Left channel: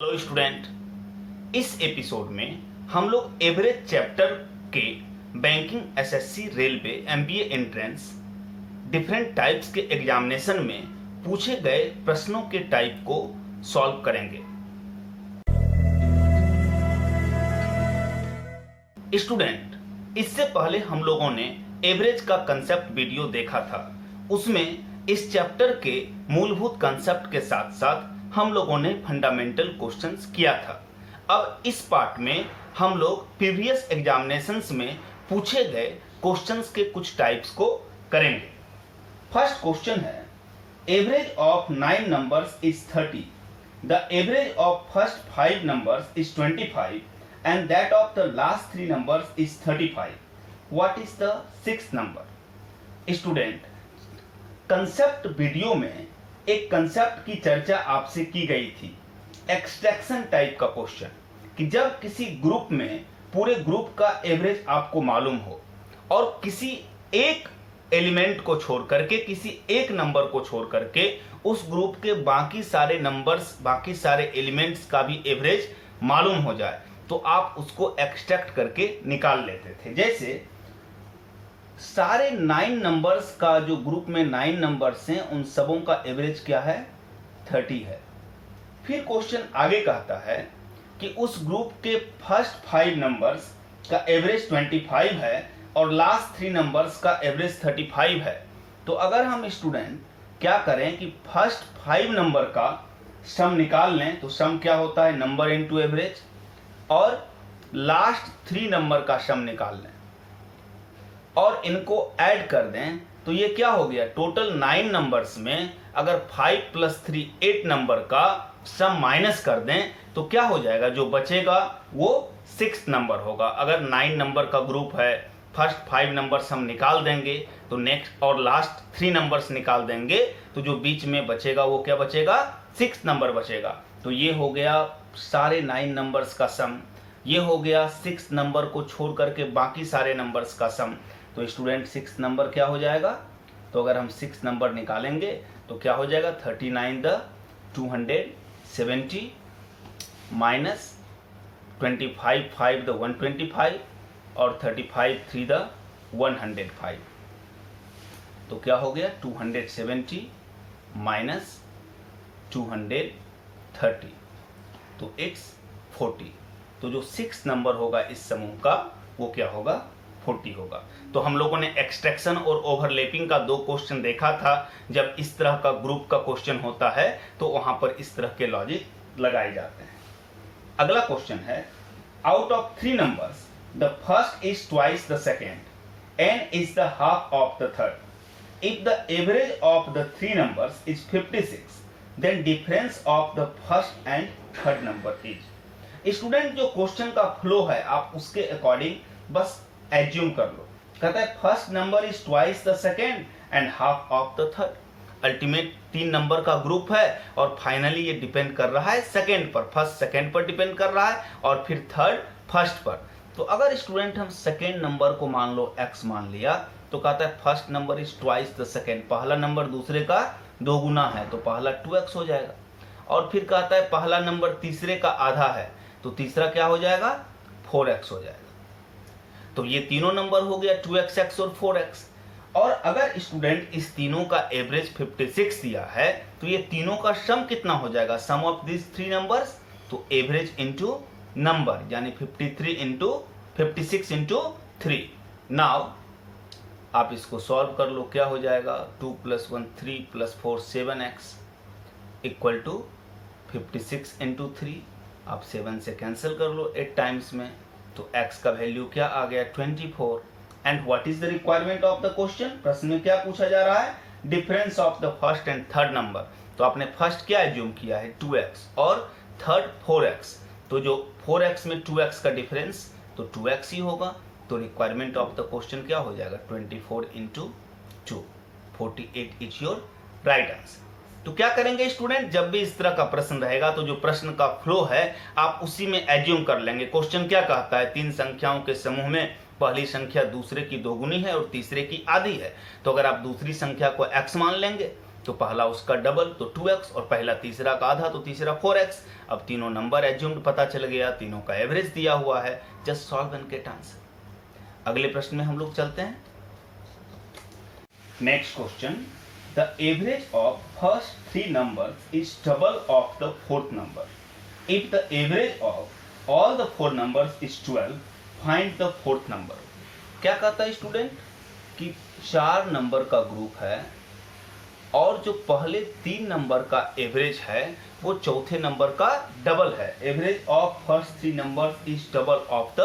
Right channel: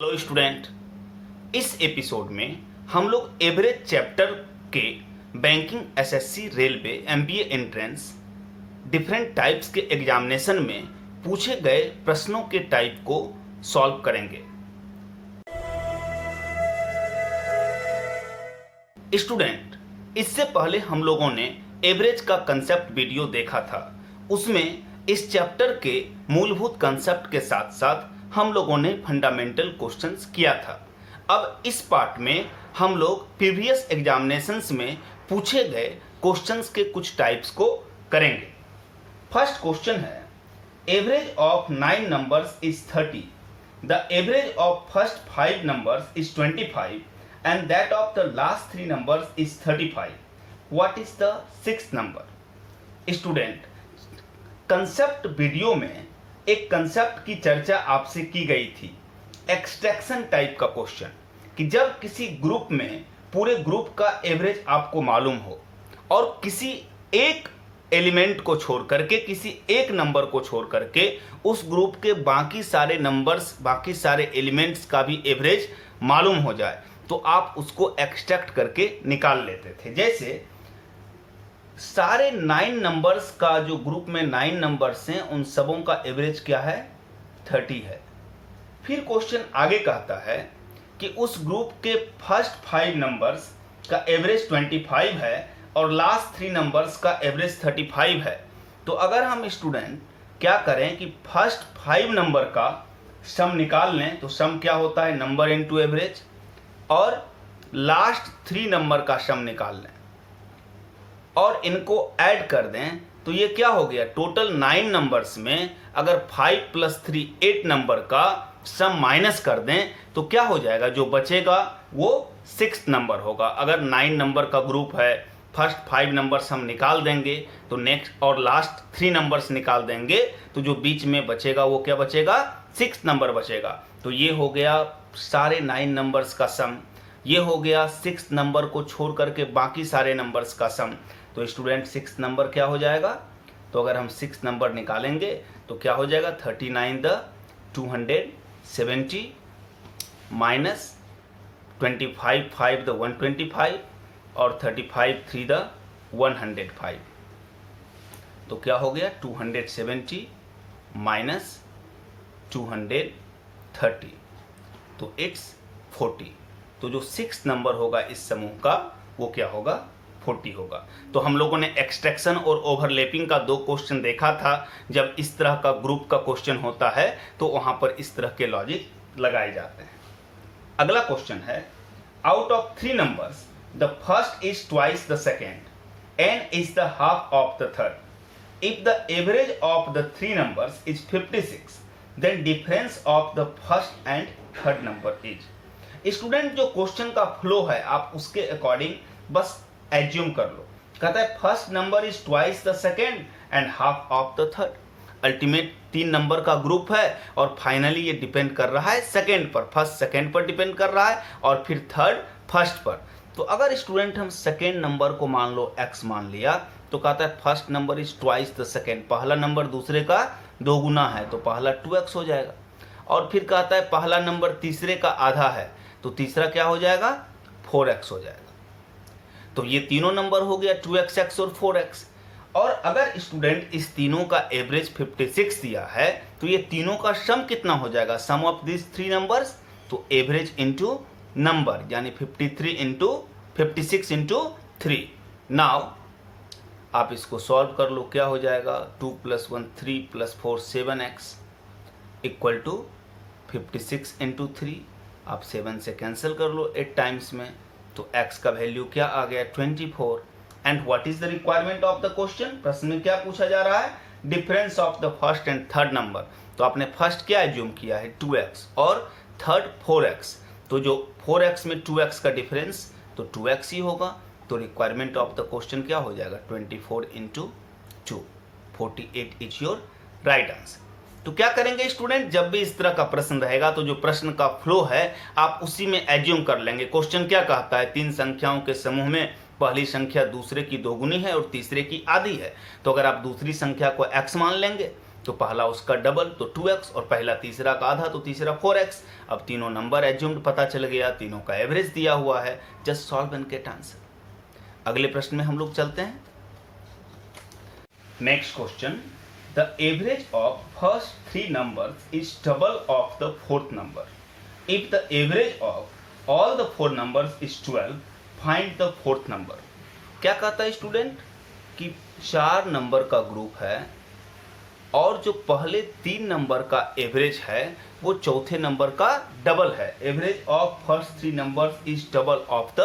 Hello student, इस episode में हम लोग एवरेज चैप्टर के banking, SSC, railway, MBA entrance different types के एग्जामिनेशन में पूछे गए प्रश्नों के टाइप को सॉल्व करेंगे। स्टूडेंट, इससे पहले हम लोगों ने एवरेज का कंसेप्ट वीडियो देखा था। उसमें इस चैप्टर के मूलभूत कंसेप्ट के साथ साथ हम लोगों ने फंडामेंटल क्वेश्चंस किया था। अब इस पार्ट में हम लोग प्रीवियस एग्जामिनेशंस में पूछे गए क्वेश्चंस के कुछ टाइप्स को करेंगे। फर्स्ट क्वेश्चन है, average of 9 numbers is 30, the average of first 5 numbers is 25 and that of the last 3 numbers is 35. What is the sixth number? Student, concept video में एक कंसेप्ट की चर्चा आपसे की गई थी, एक्सट्रैक्शन टाइप का क्वेश्चन, कि जब किसी ग्रुप में पूरे ग्रुप का एवरेज आपको मालूम हो और किसी एक एलिमेंट को छोड़ करके, किसी एक नंबर को छोड़ करके उस ग्रुप के बाकी सारे नंबर्स, बाकी एलिमेंट्स का भी एवरेज मालूम हो जाए तो आप उसको एक्सट्रैक्ट करके निकाल लेते थे। जैसे सारे 9 नंबर्स का, जो ग्रुप में 9 नंबर्स हैं, उन सबों का एवरेज क्या है? 30 है। फिर क्वेश्चन आगे कहता है कि उस ग्रुप के फर्स्ट 5 नंबर्स का एवरेज 25 है और लास्ट 3 नंबर्स का एवरेज 35 है। तो अगर हम स्टूडेंट क्या करें कि फर्स्ट 5 नंबर का सम निकाल लें, तो सम क्या होता है? Number into average. और लास्ट 3 नंबर का सम निकाल लें और इनको ऐड कर दें, तो ये क्या हो गया? टोटल 9 नंबर्स में अगर 5 + 3 8 नंबर का सम माइनस कर दें तो क्या हो जाएगा? जो बचेगा वो 6th नंबर होगा। अगर 9 नंबर का ग्रुप है, फर्स्ट 5 नंबर्स हम निकाल देंगे तो नेक्स्ट और लास्ट 3 नंबर्स निकाल देंगे, तो जो बीच में बचेगा वो क्या बचेगा? 6th नंबर बचेगा। तो ये हो गया सारे 9 नंबर्स का सम, ये हो गया 6th नंबर को छोड़ करके बाकी सारे नंबर्स का सम। तो स्टूडेंट 6th नंबर क्या हो जाएगा? तो अगर हम 6th नंबर निकालेंगे तो क्या हो जाएगा? 39 द 270 माइनस 25 5 द 125 और 35 3 द 105। तो क्या हो गया? 270 माइनस 230, तो इट्स 40। तो जो 6th नंबर होगा इस समूह का वो क्या होगा? 40 होगा। तो हम लोगों ने एक्सट्रैक्शन और ओवरलैपिंग का 2 क्वेश्चन देखा था। जब इस तरह का ग्रुप का क्वेश्चन होता है तो वहां पर इस तरह के लॉजिक लगाए जाते हैं। अगला क्वेश्चन है, out of 3 numbers the first is twice the second and is the half of the third. If the average of the 3 numbers is 56, then difference of the first and third number is. Student, जो question का flow है आप उसके according बस assume कर लो। कहता है first number is twice the second and half of the third. Ultimate 3 number का ग्रुप है और फाइनली ये डिपेंड कर रहा है सेकेंड पर, फर्स्ट सेकेंड पर डिपेंड कर रहा है और फिर थर्ड फर्स्ट पर। तो अगर स्टूडेंट हम सेकेंड नंबर को मान लो x मान लिया, तो कहता है first number is twice the second, पहला नंबर दूसरे का 2 गुना है तो पहला 2x हो जाएगा। और फिर कहता है पहला नंबर तीसरे का आधा है तो तीसरा क्या हो जाएगा? 4x हो जाएगा। तो ये तीनों नंबर हो गया 2x, x और 4x। और अगर स्टूडेंट इस तीनों का एवरेज 56 दिया है तो ये तीनों का सम कितना हो जाएगा? सम ऑफ दिस 3 नंबर्स, तो एवरेज इनटू नंबर, यानी 53 इंटू 56 इंटू 3। नाउ आप इसको सॉल्व कर लो, क्या हो जाएगा? 2 + 1 3 + 4 7x इक्वल टू 56 इंटू 3। आप 7 से कैंसिल कर लो 8 टाइम्स में, तो x का वैल्यू क्या आ गया? 24। And what is the requirement of the question? प्रश्न में क्या पूछा जा रहा है? Difference of the first and third number. तो आपने फर्स्ट क्या एज्यूम किया है? 2x और थर्ड 4x। तो जो 4x में 2x का डिफरेंस, तो 2x ही होगा। तो रिक्वायरमेंट ऑफ द क्वेश्चन क्या हो जाएगा? 24 into 2, 48 is your right answer. तो क्या करेंगे स्टूडेंट, जब भी इस तरह का प्रश्न रहेगा तो जो प्रश्न का फ्लो है आप उसी में एज्यूम कर लेंगे। क्वेश्चन क्या कहता है? 3 संख्याओं के समूह में पहली संख्या दूसरे की दोगुनी है और तीसरे की आधी है। तो अगर आप दूसरी संख्या को x मान लेंगे तो पहला उसका डबल तो 2x और पहला तीसरा का आधा तो तीसरा 4x। अब तीनों नंबर एज्यूम्ड पता चल गया, तीनों का एवरेज दिया हुआ है, just solve and get answer. अगले प्रश्न में हम लोग चलते हैं। Next question, the average of first 3 numbers is double of the fourth number. If the average of all the 4 numbers is 12, find the fourth number. क्या कहता है स्टूडेंट कि 4 नंबर का ग्रुप है और जो पहले 3 नंबर का एवरेज है वो चौथे नंबर का डबल है। Average of first 3 numbers is double of the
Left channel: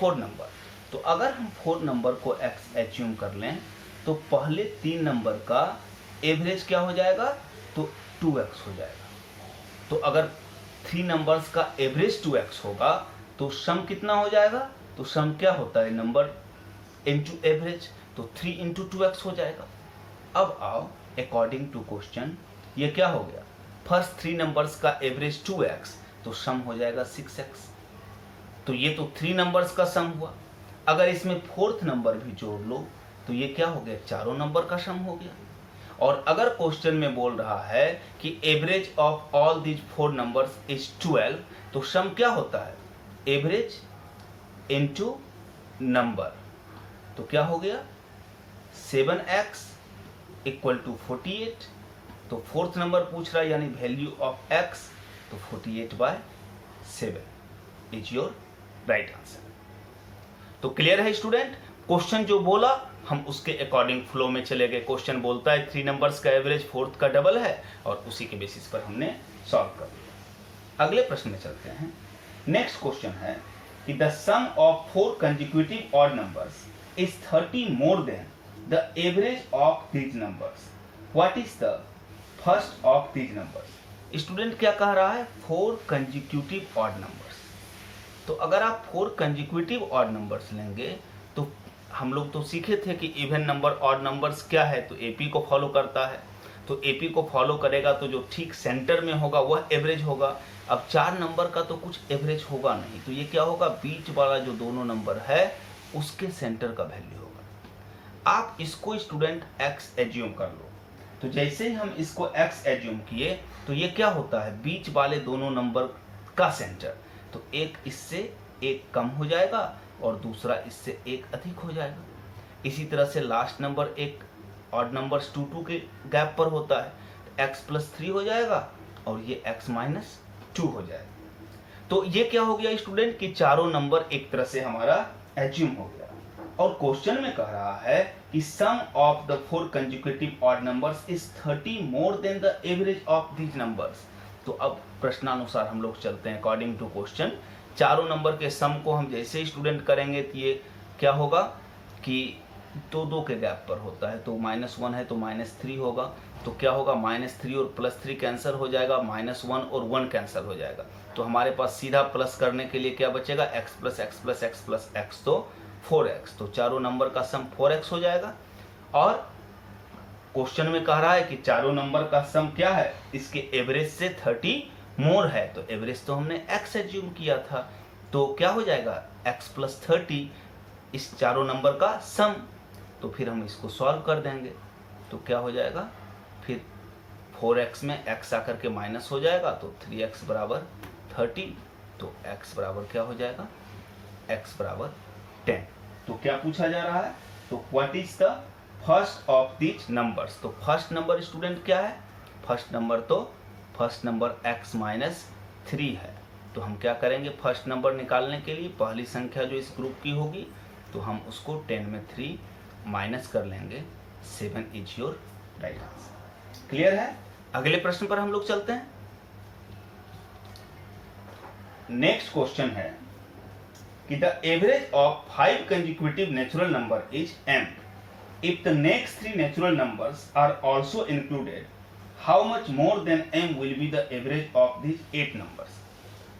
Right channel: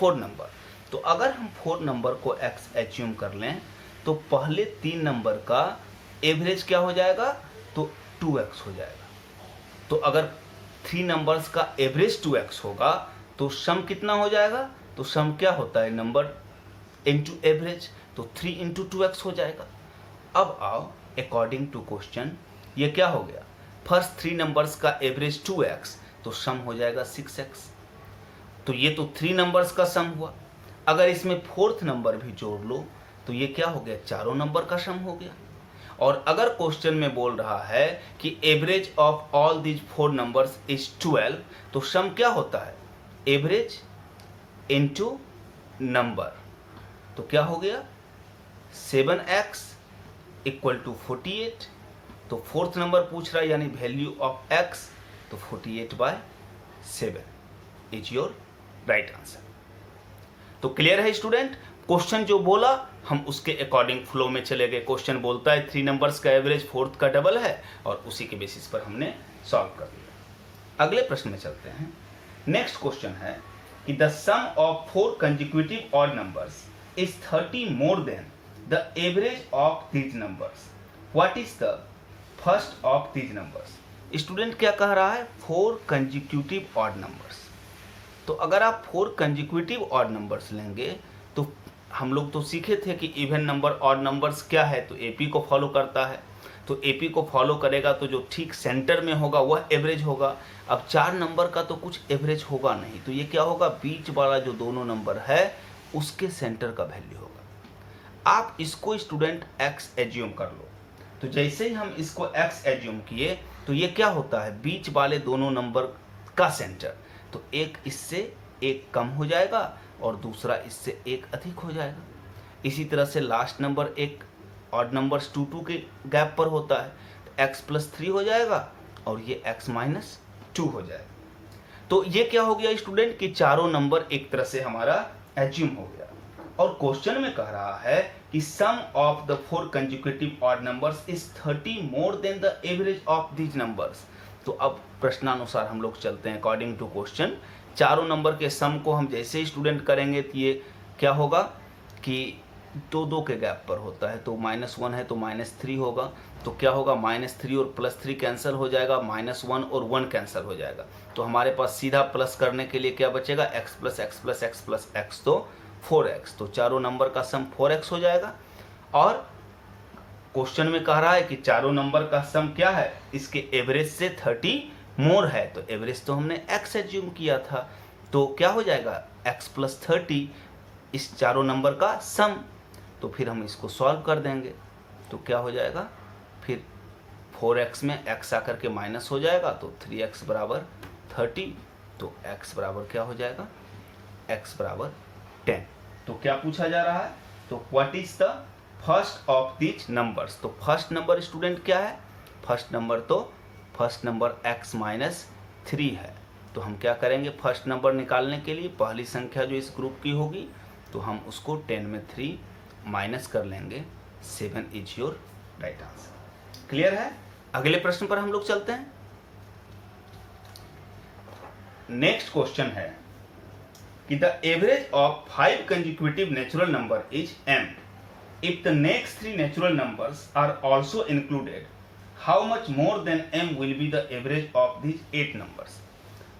4 number. तो अगर हम 4 नंबर को x एज्यूम कर लें तो पहले 3 नंबर का एवरेज क्या हो जाएगा, तो 2x हो जाएगा। तो अगर 3 नंबर्स का एवरेज 2x होगा तो सम कितना हो जाएगा, तो सम क्या होता है, नंबर इनटू एवरेज, तो 3 इंटू 2x हो जाएगा। अब आओ अकॉर्डिंग टू क्वेश्चन ये क्या हो गया, फर्स्ट 3 नंबर्स का एवरेज 2x तो सम हो जाएगा 6x। तो ये तो 3 नंबर्स का सम हुआ। अगर इसमें फोर्थ नंबर भी जोड़ लो तो ये क्या हो गया, चारों नंबर का सम हो गया। और अगर क्वेश्चन में बोल रहा है कि average of all these 4 numbers is 12, तो सम क्या होता है, एवरेज इनटू नंबर, तो क्या हो गया 7x इक्वल टू 48। तो फोर्थ नंबर पूछ रहा है यानी वैल्यू ऑफ x, तो 48/7 इज योर राइट आंसर। तो क्लियर है स्टूडेंट, क्वेश्चन जो बोला हम उसके अकॉर्डिंग फ्लो में चले गए। क्वेश्चन बोलता है 3 नंबर्स का एवरेज फोर्थ का डबल है और उसी के बेसिस पर हमने सॉल्व कर दिया। अगले प्रश्न में चलते हैं। नेक्स्ट क्वेश्चन है कि the sum of 4 consecutive odd numbers is 30 more than the average of these numbers. What is the first of these numbers? Student क्या कह रहा है, 4 कंसेक्यूटिव ऑड नंबर्स। तो अगर आप 4 कंसेक्यूटिव ऑड नंबर्स लेंगे तो हम लोग तो सीखे थे कि इवन नंबर ऑड नंबर्स क्या है, तो एपी को फॉलो करता है। तो एपी को फॉलो करेगा तो जो ठीक सेंटर में होगा वह एवरेज होगा। अब 4 नंबर का तो कुछ एवरेज होगा नहीं, तो ये क्या होगा, बीच वाला जो दोनों नंबर है उसके सेंटर का वैल्यू होगा। आप इसको स्टूडेंट x एज्यूम कर लो। तो जैसे ही हम इसको x एज्यूम किए तो ये क्या होता है, बीच वाले दोनों नंबर का सेंटर, तो एक इससे एक कम हो जाएगा और दूसरा इससे एक अधिक हो जाएगा। इसी तरह से लास्ट नंबर एक ऑड नंबर्स 2 के गैप पर होता है, तो x+3 हो जाएगा और ये x-2 हो जाएगा। तो ये क्या हो गया स्टूडेंट कि चारों नंबर एक तरह से हमारा एज्यूम हो गया। और क्वेश्चन में कह रहा है कि sum of the 4 consecutive odd numbers is 30 more than the average of these numbers. तो अब प्रश्नानुसार हम लोग चलते हैं अकॉर्डिंग टू क्वेश्चन। चारों नंबर के सम को हम जैसे ही स्टूडेंट करेंगे तो ये क्या होगा कि 2 के गैप पर होता है, तो -1 है तो -3 होगा। तो क्या होगा, -3 और +3 कैंसिल हो जाएगा, -1 और 1 कैंसिल हो जाएगा। तो हमारे पास सीधा प्लस करने के लिए क्या बचेगा, x+x+x+x, तो 4x। तो चारों नंबर का सम 4x हो जाएगा। और क्वेश्चन में कह रहा है कि चारों नंबर का सम क्या है, इसके एवरेज से 30 मोर है, तो एवरेज तो हमने x एज्यूम किया था, तो क्या हो जाएगा x+30 इस चारों नंबर का सम। तो फिर हम इसको सॉल्व कर देंगे तो क्या हो जाएगा, फिर 4x में x आकर के माइनस हो जाएगा तो 3x बराबर 30, तो x बराबर क्या हो जाएगा, x बराबर 10। तो क्या पूछा जा रहा है, तो what is the first of these numbers. तो फर्स्ट नंबर स्टूडेंट क्या है, फर्स्ट नंबर x-3 है। तो हम क्या करेंगे, फर्स्ट नंबर निकालने के लिए पहली संख्या जो इस ग्रुप की होगी तो हम उसको 10 में 3 माइनस कर लेंगे, 7 is your right answer. Clear है। अगले प्रश्न पर हम लोग चलते हैं। नेक्स्ट क्वेश्चन है कि the average of 5 consecutive natural number is m if the next 3 natural numbers are also included, how much more than m will be the average of these 8 numbers।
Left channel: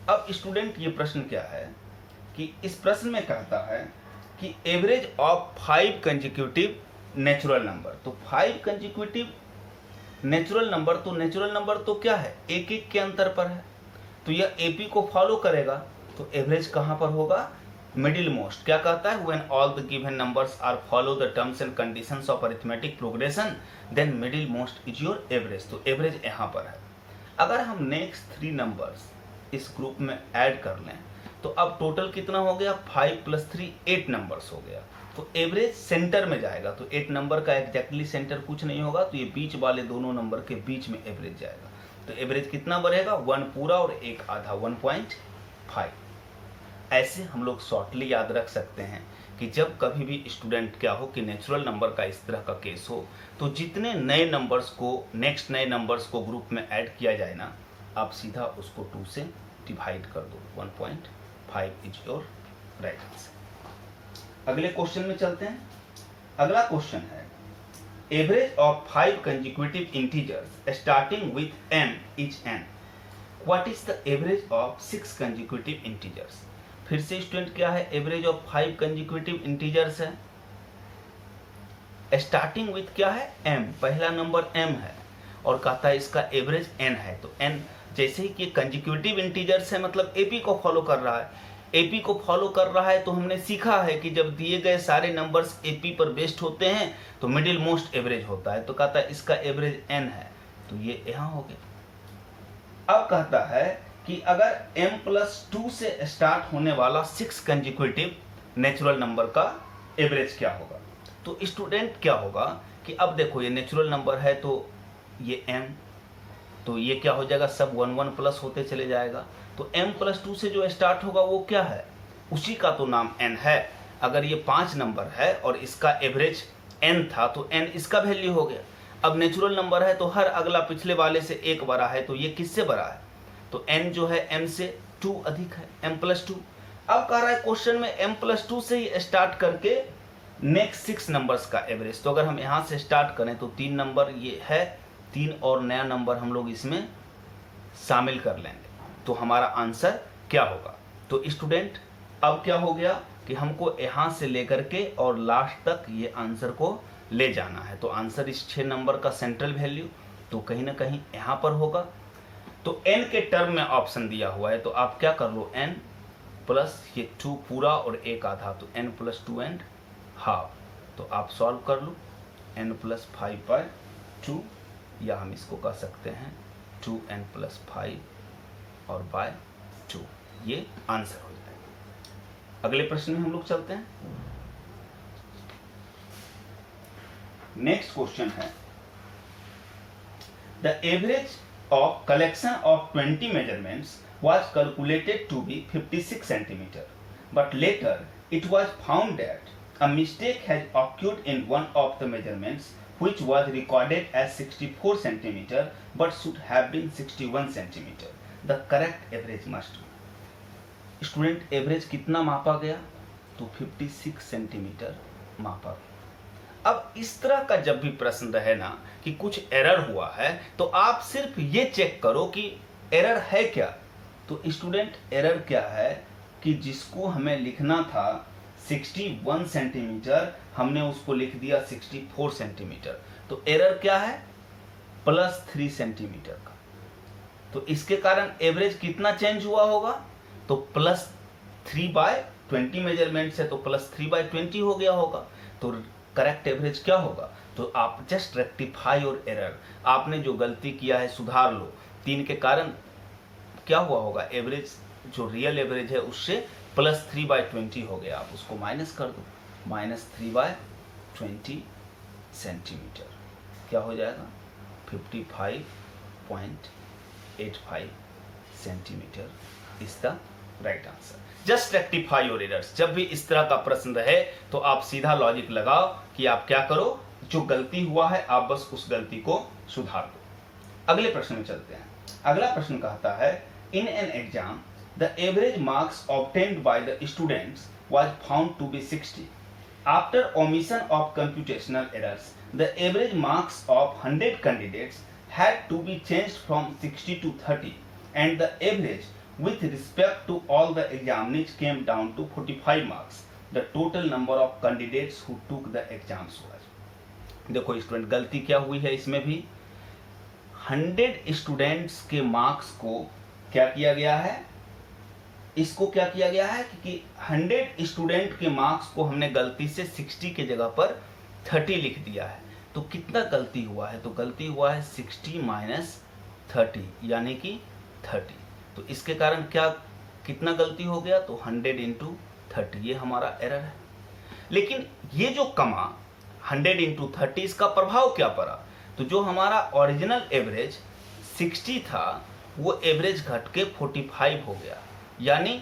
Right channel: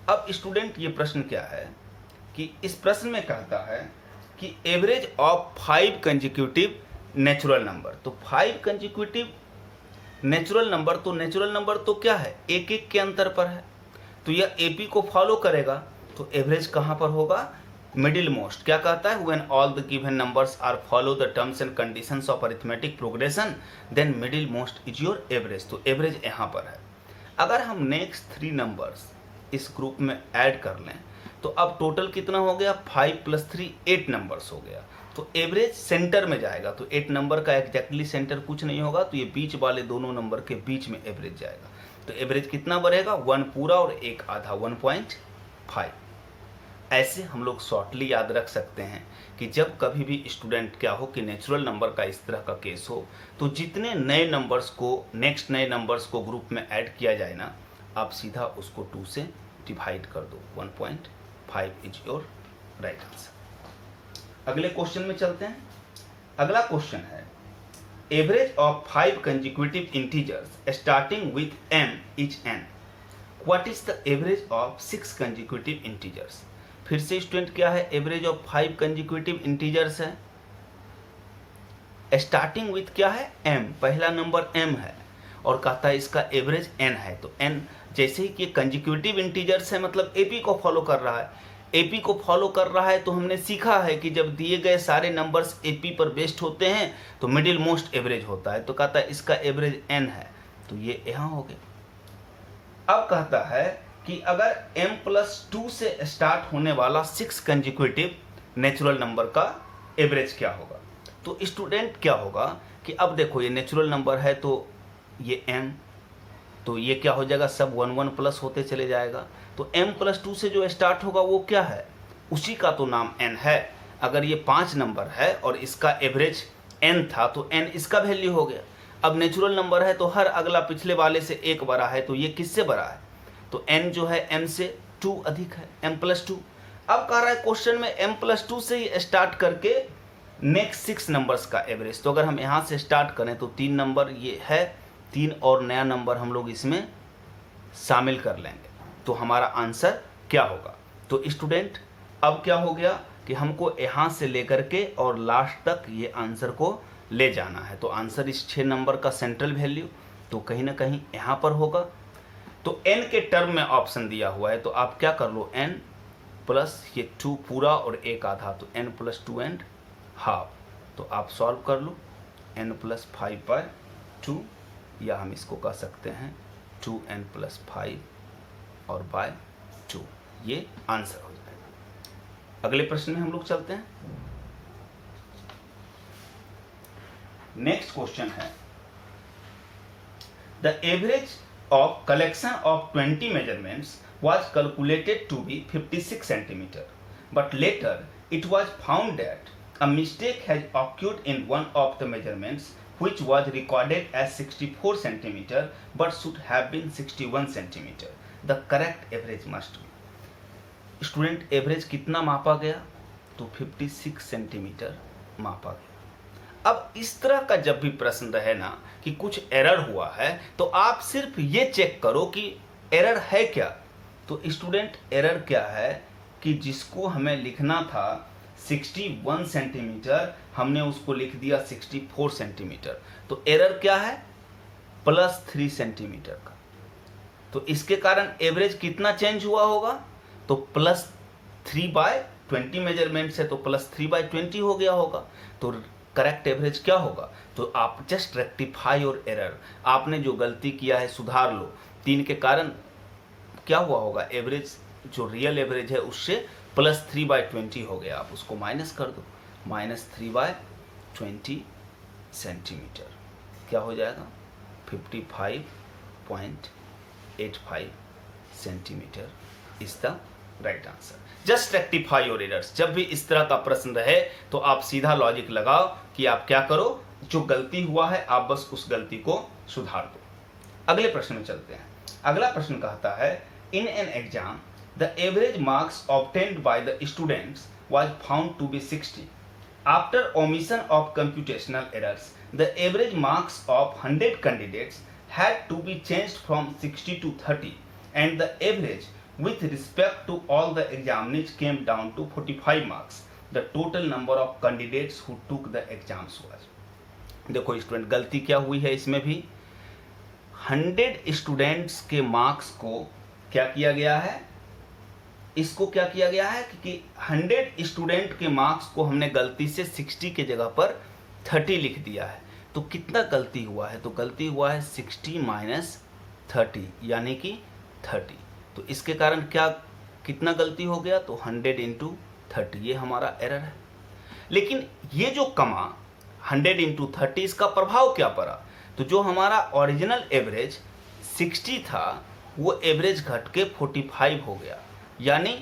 अब स्टूडेंट ये प्रश्न क्या है कि इस प्रश्न में कहता है कि average of 5 consecutive natural number. तो 5 कंसेक्यूटिव नेचुरल नंबर तो क्या है, एक एक के अंतर पर है, तो यह एपी को फॉलो करेगा। तो एवरेज कहाँ पर होगा, मिडिल मोस्ट क्या कहता है, when all the given numbers are follow the terms and conditions of arithmetic progression then middle most is your average. तो एवरेज यहाँ पर है। अगर हम नेक्स्ट 3 नंबर्स इस ग्रुप में ऐड कर लें तो अब टोटल कितना हो गया, 5 + 3 8 नंबर्स हो गया। तो एवरेज सेंटर में जाएगा। तो 8 नंबर का एग्जैक्टली सेंटर कुछ नहीं होगा, तो ये बीच वाले दोनों नंबर के बीच में एवरेज जाएगा। तो एवरेज कितना बढ़ेगा, 1 पूरा और 1 आधा, 1.5। ऐसे हम लोग शॉर्टली याद रख सकते हैं कि जब कभी भी स्टूडेंट क्या हो कि नेचुरल नंबर का इस तरह का केस हो, तो जितने नए नंबर्स को नेक्स्ट नए नंबर्स को ग्रुप में ऐड किया जाए ना, आप सीधा उसको 2 से डिवाइड कर दो। 1.5 इज योर राइट आंसर। अगले क्वेश्चन में चलते हैं। अगला क्वेश्चन है, average of 5 consecutive integers starting with m is n, what is the average of 6 consecutive integers. फिर से स्टूडेंट क्या है, एवरेज ऑफ 5 कंसेक्यूटिव इंटीजर्स है, स्टार्टिंग विथ क्या है, m, पहला नंबर m है और कहता है इसका एवरेज n है। तो n जैसे ही कि कंसेक्यूटिव इंटीजर्स है मतलब एपी को फॉलो कर रहा है। एपी को फॉलो कर रहा है तो हमने सीखा है कि जब दिए गए सारे नंबर्स एपी पर बेस्ड होते हैं तो मिडिल मोस्ट एवरेज होता है। तो कहता है इसका एवरेज n है, तो ये यहाँ हो गया। अब कहता है कि अगर m+2 से स्टार्ट होने वाला 6 कंसेक्यूटिव नेचुरल नंबर का एवरेज क्या होगा। तो स्टूडेंट क्या होगा कि अब देखो ये नेचुरल नंबर है तो ये m, तो ये क्या हो जाएगा, सब 1 1 प्लस होते चले जाएगा। तो m+2 से जो स्टार्ट होगा वो क्या है, उसी का तो नाम n है। अगर ये 5 नंबर है और इसका एवरेज n था तो n इसका वैल्यू हो गया। अब नेचुरल नंबर है तो हर अगला पिछले वाले से 1 बड़ा है, तो ये किससे बड़ा है, तो n जो है m से 2 अधिक है, m+2। अब कह रहा है क्वेश्चन में m+2 से ही स्टार्ट करके नेक्स्ट 6 नंबर्स का एवरेज। तो अगर हम यहाँ से स्टार्ट करें तो 3 नंबर ये है, 3 और नया नंबर हम लोग इसमें शामिल कर लेंगे, तो हमारा आंसर क्या होगा। तो स्टूडेंट अब क्या हो गया कि हमको यहाँ से लेकर के और लास्ट तक ये आंसर को ले जाना है। तो आंसर इस 6 नंबर का सेंट्रल वैल्यू तो कहीं ना कहीं यहाँ पर होगा। तो n के टर्म में ऑप्शन दिया हुआ है, तो आप क्या कर लो, n प्लस ये 2 पूरा और 1 आधा, तो n+2 एंड हाफ। तो आप सॉल्व कर लो, n+5/2 या हम इसको कह सकते हैं 2n+5 और बाय 2, ये आंसर हो जाएगा। अगले प्रश्न में हम लोग चलते हैं। नेक्स्ट क्वेश्चन है, the average of collection of 20 measurements was calculated to be 56 centimeter, but later it was found that a mistake has occurred in one of the measurements which was recorded as 64 centimeter but should have been 61 centimeter. The correct average must be। Student average कितना मापा गया, तो 56 centimetre मापा गया। अब इस तरह का जब भी प्रश्न रहे ना कि कुछ एरर हुआ है, तो आप सिर्फ ये चेक करो कि एरर है क्या। तो स्टूडेंट एरर क्या है कि जिसको हमें लिखना था 61 सेंटीमीटर, हमने उसको लिख दिया 64 सेंटीमीटर। तो एरर क्या है, +3 सेंटीमीटर का। तो इसके कारण एवरेज कितना चेंज हुआ होगा, तो +3/20 मेजरमेंट से तो +3/20 हो गया होगा। तो करेक्ट एवरेज क्या होगा, तो आप जस्ट रेक्टिफाई योर एरर, आपने जो गलती किया है सुधार लो। 3 के कारण क्या हुआ होगा, एवरेज जो रियल एवरेज है उससे +3/20 हो गया, आप उसको माइनस कर दो, -3/20 सेंटीमीटर क्या हो जाएगा, 55.85 centimetre is the right answer. Just rectify your errors. जब भी इस तरह का प्रश्न रहे तो आप सीधा लॉजिक लगाओ कि आप क्या करो, जो गलती हुआ है आप बस उस गलती को सुधार दो। अगले प्रश्न में चलते हैं। अगला प्रश्न कहता है, in an exam the average marks obtained by the students was found to be 60। After omission of computational errors the average marks of 100 candidates had to be changed from 60 to 30 and the average with respect to all the examinees came down to 45 marks. The total number of candidates who took the exams was। देखो student गलती क्या हुई है इसमें भी, 100 students के marks को क्या किया गया है, इसको क्या किया गया है कि 100 स्टूडेंट के मार्क्स को हमने गलती से 60 के जगह पर 30 लिख दिया है। तो कितना गलती हुआ है? तो गलती हुआ है 60 माइनस 30 यानी कि 30। तो इसके कारण क्या कितना गलती हो गया? तो 100 इंटू 30, ये हमारा एरर है। लेकिन ये जो कमा 100 इंटू 30, इसका प्रभाव क्या पड़ा? तो जो हमारा ओरिजिनल एवरेज 60 था वो एवरेज घट के 45 हो गया। यानी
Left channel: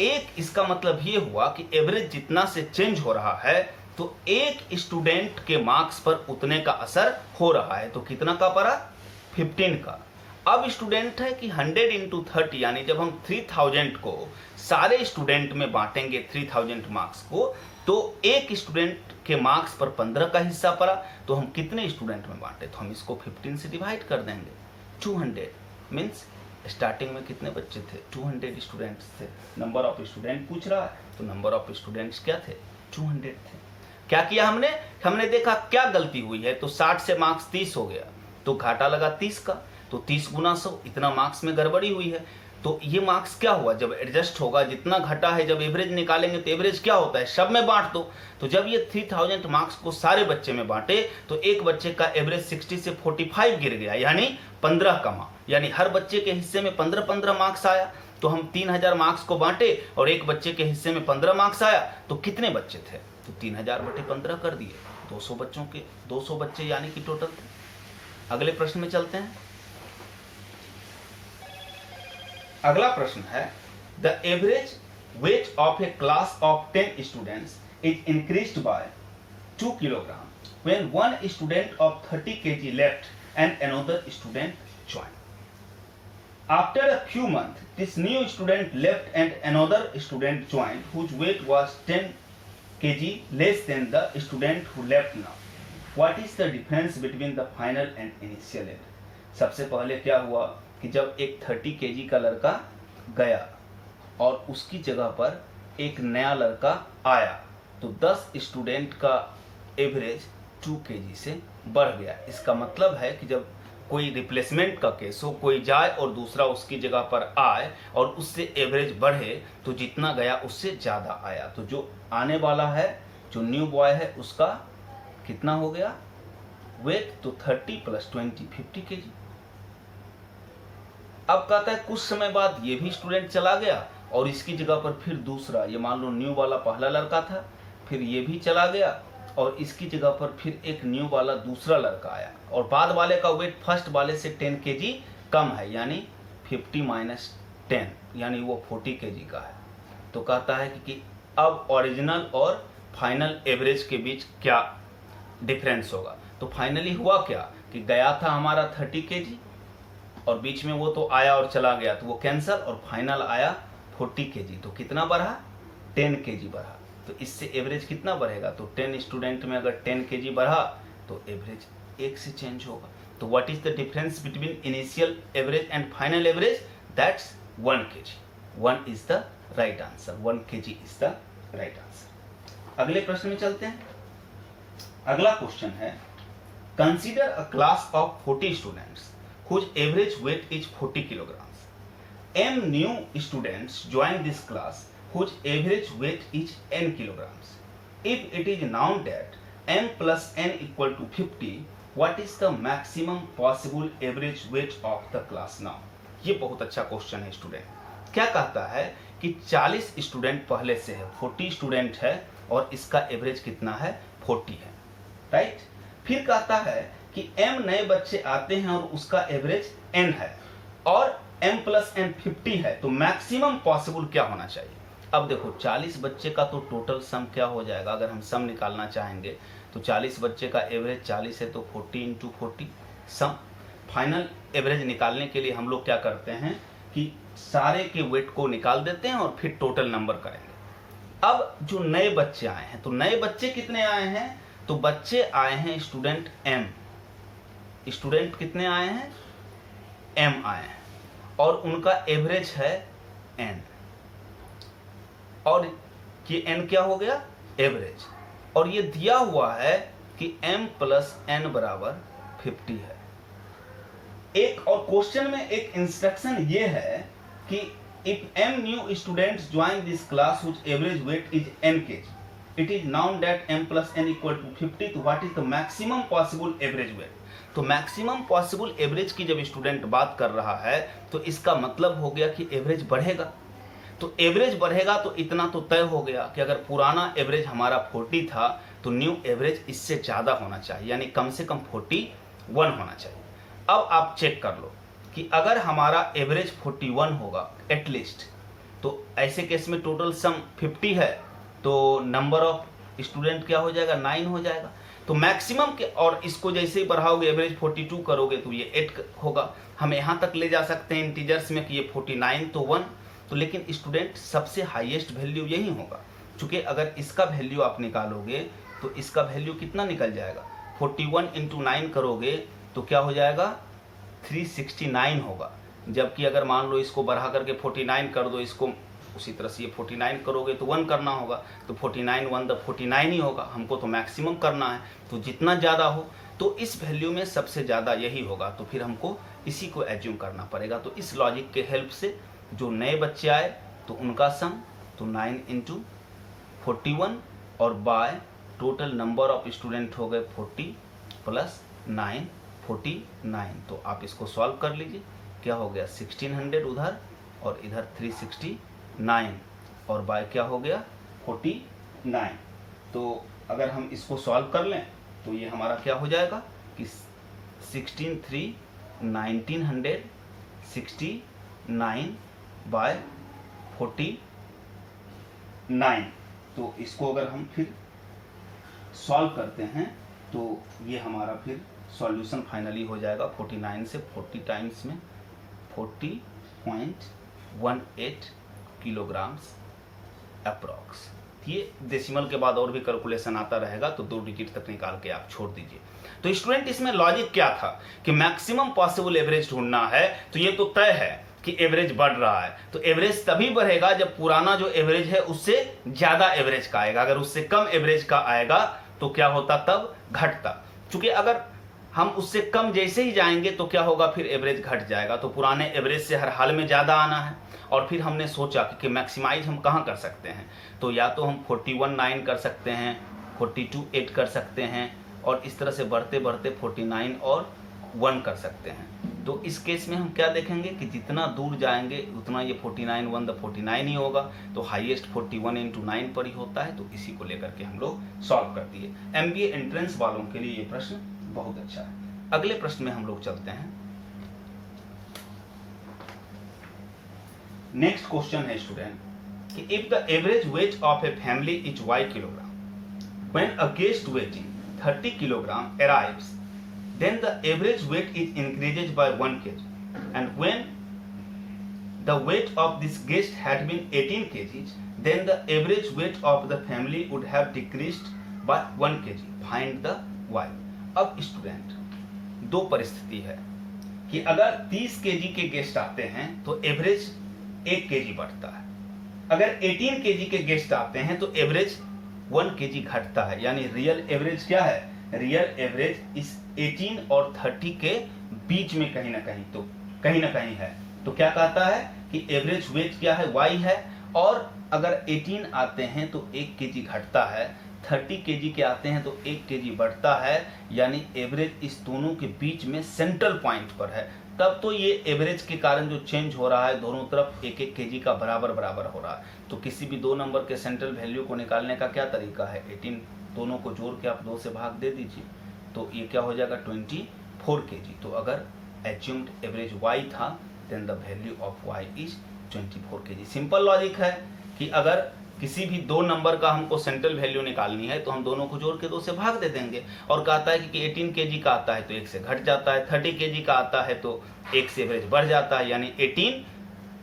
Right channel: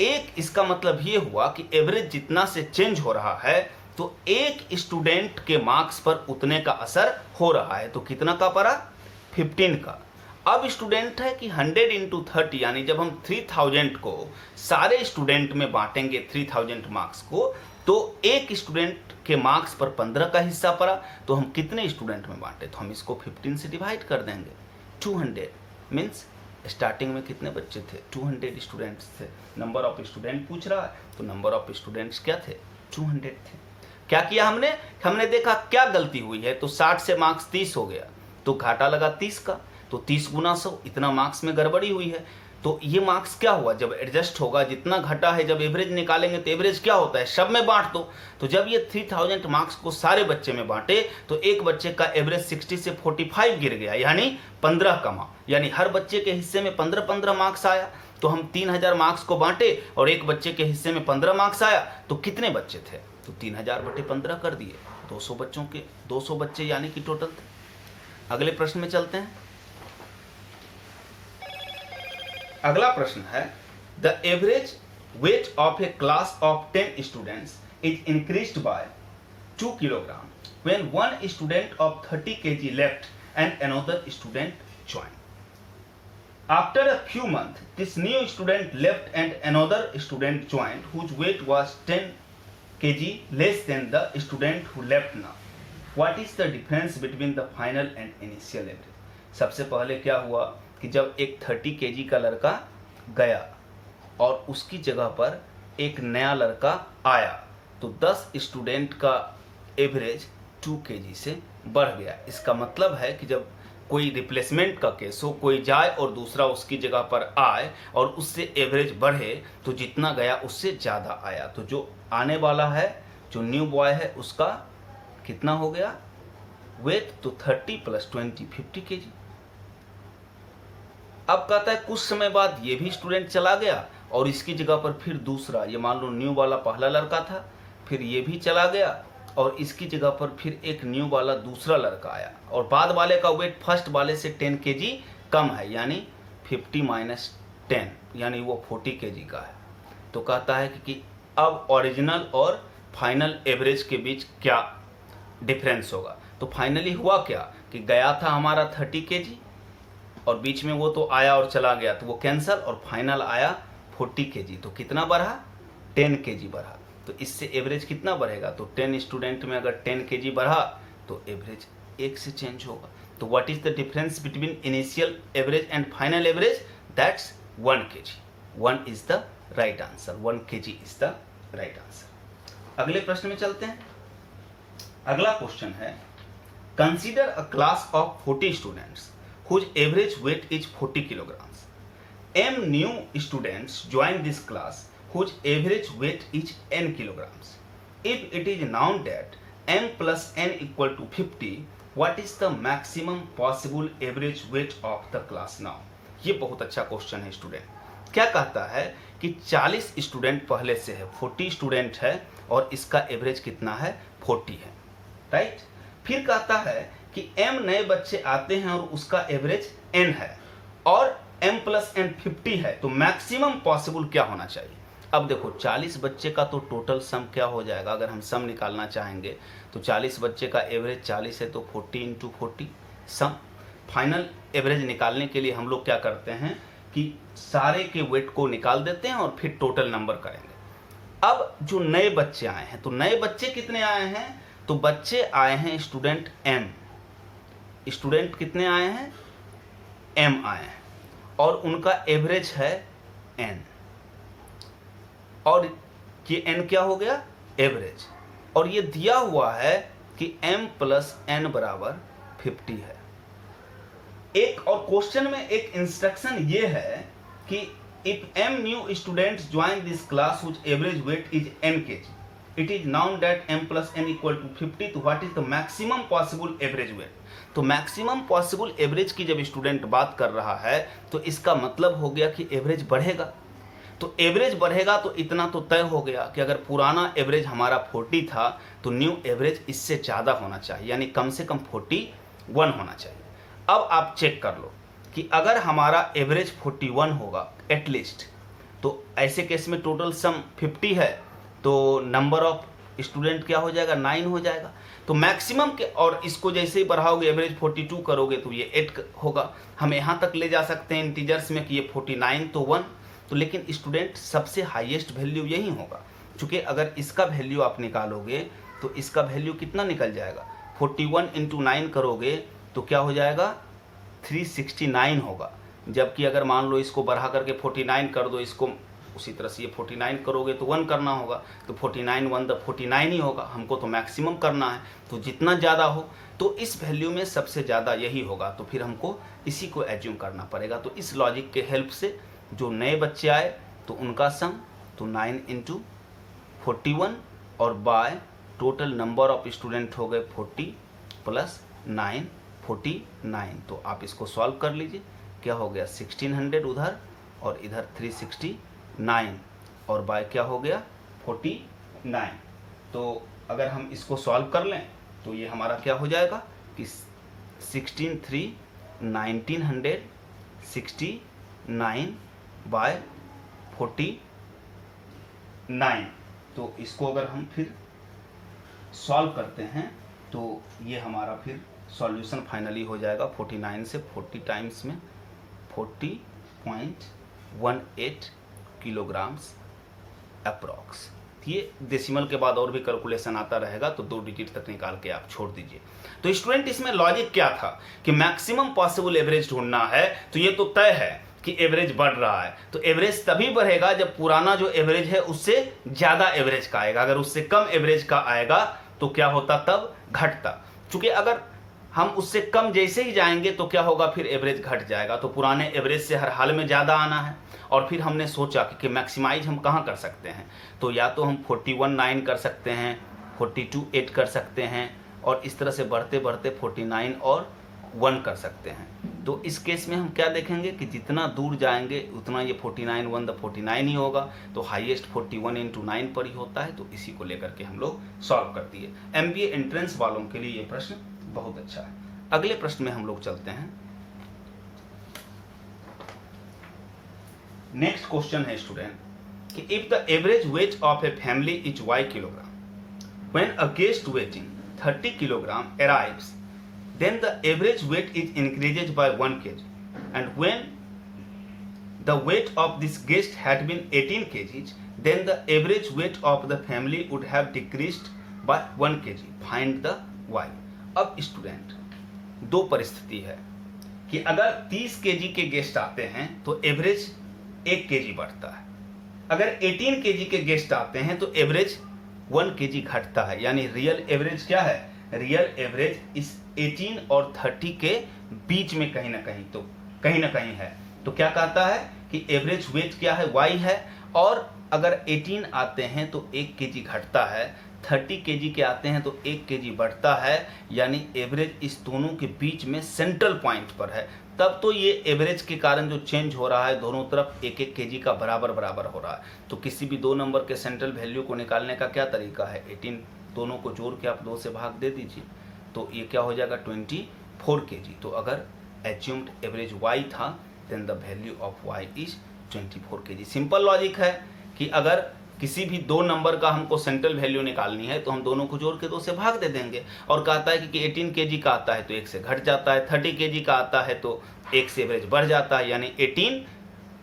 एक इसका मतलब ये हुआ कि एवरेज जितना से चेंज हो रहा है तो एक स्टूडेंट के मार्क्स पर उतने का असर हो रहा है। तो कितना का पड़ा? 15 का। अब स्टूडेंट है कि 100 इंटू 30 यानी जब हम 3000 को सारे स्टूडेंट में बांटेंगे 3000 मार्क्स को, तो एक स्टूडेंट के मार्क्स पर 15 का हिस्सा पड़ा। तो हम कितने स्टूडेंट में बांटे? तो हम इसको 15 से डिवाइड कर देंगे। 200 मीन्स स्टार्टिंग में कितने बच्चे थे? 200 स्टूडेंट्स थे। नंबर ऑफ स्टूडेंट पूछ रहा है, तो नंबर ऑफ स्टूडेंट्स क्या थे? 200 थे। क्या किया हमने देखा क्या गलती हुई है, तो 60 से मार्क्स 30 हो गया, तो घाटा लगा 30 का। तो 30 गुना 100, इतना मार्क्स में गड़बड़ी हुई है। तो ये मार्क्स क्या हुआ? जब एडजस्ट होगा, जितना घटा है, जब एवरेज निकालेंगे तो एवरेज क्या होता है? सब में बांट दो। तो जब ये 3000 मार्क्स को सारे बच्चे में बांटे तो एक बच्चे का एवरेज 60 से 45 गिर गया, यानी 15 कमा। यानी हर बच्चे के हिस्से में 15-15 मार्क्स आया। तो हम 3000 मार्क्स को बांटे और एक बच्चे के हिस्से में 15 मार्क्स आया, तो कितने बच्चे थे? तो 3000 बटे 15 कर दिए। 200 बच्चों के 200 बच्चे यानी कि टोटल थे। अगले प्रश्न में चलते हैं। अगला प्रश्न है, the average weight of A class of 10 students is increased by 2 kilogram when one student of 30 kg left and another student joined. After a few months, this new student left and another student joined whose weight was 10 kg less than the student who left now. What is the difference between the final and initial average? सबसे पहले क्या हुआ कि जब एक 30 kg का लड़का गया और उसकी जगह पर एक नया लड़का आया, तो 10 स्टूडेंट का एवरेज 2 kg से बढ़ गया। इसका मतलब है कि जब कोई रिप्लेसमेंट का केस हो, कोई जाए और दूसरा उसकी जगह पर आए और उससे एवरेज बढ़े, तो जितना गया उससे ज़्यादा आया। तो जो आने वाला है, जो न्यू बॉय है, उसका कितना हो गया वेट? तो 30 + 20 50 kg। अब कहता है कुछ समय बाद ये भी स्टूडेंट चला गया और इसकी जगह पर फिर दूसरा, ये मान लो न्यू वाला पहला लड़का था, फिर ये भी चला गया और इसकी जगह पर फिर एक न्यू वाला दूसरा लड़का आया और बाद वाले का वेट फर्स्ट वाले से 10 kg कम है, यानी 50 - 10 यानी वो 40 kg का है। तो कहता है कि अब ओरिजिनल और फाइनल एवरेज के बीच क्या डिफरेंस होगा। तो फाइनली हुआ क्या कि गया था हमारा 30 kg और बीच में वो तो आया और चला गया, तो वो कैंसल, और फाइनल आया 40 kg। तो कितना बढ़ा? 10 kg बढ़ा। तो इससे एवरेज कितना बढ़ेगा? तो 10 स्टूडेंट में अगर 10 kg बढ़ा तो एवरेज 1 से चेंज होगा। तो what is the difference between initial average and final average? That's 1 kg। 1 is the right answer. 1 kg is the right answer. अगले प्रश्न में चलते हैं। अगला क्वेश्चन है, consider a class of 40 students whose average weight is 40 kilograms. M new students join this class whose average weight is n kilograms. If it is known that m plus n equal to 50, what is the maximum possible average weight of the class now? ये बहुत अच्छा question है student. क्या कहता है कि 40 student पहले से है, 40 स्टूडेंट है और इसका एवरेज कितना है? 40 है, राइट। फिर कहता है कि m नए बच्चे आते हैं और उसका एवरेज n है और m + n 50 है, तो मैक्सिमम पॉसिबल क्या होना चाहिए? अब देखो 40 बच्चे का तो टोटल सम क्या हो जाएगा? अगर हम सम निकालना चाहेंगे तो 40 बच्चे का एवरेज 40 है, तो 40 × 40 सम। फाइनल एवरेज निकालने के लिए हम लोग क्या करते हैं कि सारे के वेट को निकाल देते हैं और फिर टोटल नंबर करेंगे। अब जो नए बच्चे आए हैं, तो नए बच्चे कितने आए हैं? तो बच्चे आए हैं स्टूडेंट m। स्टूडेंट कितने आए हैं? m आए हैं और उनका एवरेज है n, और ये n क्या हो गया? एवरेज। और ये दिया हुआ है कि m + n = 50 है। एक और क्वेश्चन में एक इंस्ट्रक्शन ये है कि If m new students join this class whose average weight is n kg, it is known that m plus n equal to 50. तो what is the maximum possible average weight? तो maximum possible average की जब student बात कर रहा है तो इसका मतलब हो गया कि एवरेज बढ़ेगा। तो एवरेज बढ़ेगा तो इतना तो तय हो गया कि अगर पुराना एवरेज हमारा 40 था तो न्यू एवरेज इससे ज़्यादा होना चाहिए, यानी कम से कम 41 होना चाहिए। अब आप चेक कर लो कि अगर हमारा एवरेज 41 होगा एटलीस्ट, तो ऐसे केस में टोटल सम 50 है तो नंबर ऑफ स्टूडेंट क्या हो जाएगा, 9 हो जाएगा। तो मैक्सिमम के, और इसको जैसे ही बढ़ाओगे एवरेज 42 करोगे तो ये 8 होगा। हम यहाँ तक ले जा सकते हैं इंटीजर्स में कि ये 49 तो 1, तो लेकिन स्टूडेंट सबसे हाईएस्ट वैल्यू यही होगा, क्योंकि अगर इसका वैल्यू आप निकालोगे तो इसका वैल्यू कितना निकल जाएगा, 41 इंटू 9 करोगे तो क्या हो जाएगा, 369 होगा। जबकि अगर मान लो इसको बढ़ा करके 49 कर दो, इसको उसी तरह से ये 49 करोगे तो 1 करना होगा, तो 49 1 द 49 ही होगा। हमको तो मैक्सिमम करना है, तो जितना ज़्यादा हो तो इस वैल्यू में सबसे ज़्यादा यही होगा, तो फिर हमको इसी को एज्यूम करना पड़ेगा। तो इस लॉजिक के हेल्प से जो नए बच्चे आए तो उनका सम तो 9 इंटू 41 और by total number of student हो गए 40 प्लस 9 49। तो आप इसको सॉल्व कर लीजिए, क्या हो गया 1600 उधर और इधर 369 और बाय क्या हो गया 49। तो अगर हम इसको सॉल्व कर लें तो ये हमारा क्या हो जाएगा कि 16 3 1969 बाय 49। तो इसको अगर हम फिर सॉल्व करते हैं तो ये हमारा फिर सॉल्यूशन फाइनली हो जाएगा 49 से 40 टाइम्स में 40.18 किलोग्राम्स अप्रॉक्स। ये डेसिमल के बाद और भी कैलकुलेशन आता रहेगा, तो 2 डिजिट तक निकाल के आप छोड़ दीजिए। तो स्टूडेंट इसमें लॉजिक क्या था कि मैक्सिमम पॉसिबल एवरेज ढूंढना है, तो ये तो तय है कि एवरेज बढ़ रहा है, तो एवरेज तभी बढ़ेगा जब पुराना जो एवरेज है उससे ज्यादा एवरेज का आएगा। अगर उससे कम एवरेज का आएगा तो क्या होता, तब घटता। क्योंकि अगर हम उससे कम जैसे ही जाएंगे तो क्या होगा, फिर एवरेज घट जाएगा। तो पुराने एवरेज से हर हाल में ज़्यादा आना है। और फिर हमने सोचा कि मैक्सिमाइज हम कहाँ कर सकते हैं, तो या तो हम 41 9 कर सकते हैं, 42 8 कर सकते हैं, और इस तरह से बढ़ते बढ़ते 49 और 1 कर सकते हैं। तो इस केस में हम क्या देखेंगे कि जितना दूर जाएंगे उतना ये 49 1 द 49 ही होगा। तो हाईएस्ट 41 इंटू 9 पर ही होता है। तो इसी को लेकर के हम लोग सॉल्व कर दिए। MBA एंट्रेंस वालों के लिए ये प्रश्न बहुत अच्छा है। अगले प्रश्न में हम लोग चलते हैं। नेक्स्ट क्वेश्चन है स्टूडेंट कि if the average weight of a family is y kilogram, when a guest waiting 30 kilogram arrives, then the average weight is increases by 1 kg, and when the weight of this guest had been 18 kgs, then the average weight of the family would have decreased by 1 kg. Find the y. अब student दो परिस्थिति है कि अगर 30 KG के guest आते हैं तो एवरेज 1 केजी बढ़ता है, अगर 18 केजी के गेस्ट आते हैं तो एवरेज 1 केजी घटता है। यानी रियल एवरेज क्या है, रियल एवरेज इस 18 और 30 के बीच में कहीं ना कहीं है। तो क्या कहता है कि एवरेज वेट क्या है, y है, और अगर 18 आते हैं तो 1 केजी घटता है, 30 केजी के आते हैं तो 1 केजी बढ़ता है। यानी एवरेज इस दोनों के बीच में सेंट्रल पॉइंट पर है। तब तो ये एवरेज के कारण जो चेंज हो रहा है दोनों तरफ 1-1 केजी का बराबर हो रहा है। तो किसी भी दो नंबर के सेंट्रल वैल्यू को निकालने का क्या तरीका है, 18 दोनों को जोड़ के आप 2 से भाग दे दीजिए, तो ये क्या हो जाएगा 24 केजी। तो अगर एज्यूम्ड एवरेज y था, then the value of y is 24 KG. Simple logic है कि अगर किसी भी दो नंबर का हमको सेंट्रल वैल्यू निकालनी है तो हम दोनों को जोड़ के 2 से भाग दे देंगे। और कहता है कि 18 केजी का आता है तो 1 से घट जाता है, 30 केजी का आता है तो 1 से एवरेज बढ़ जाता है। यानी 18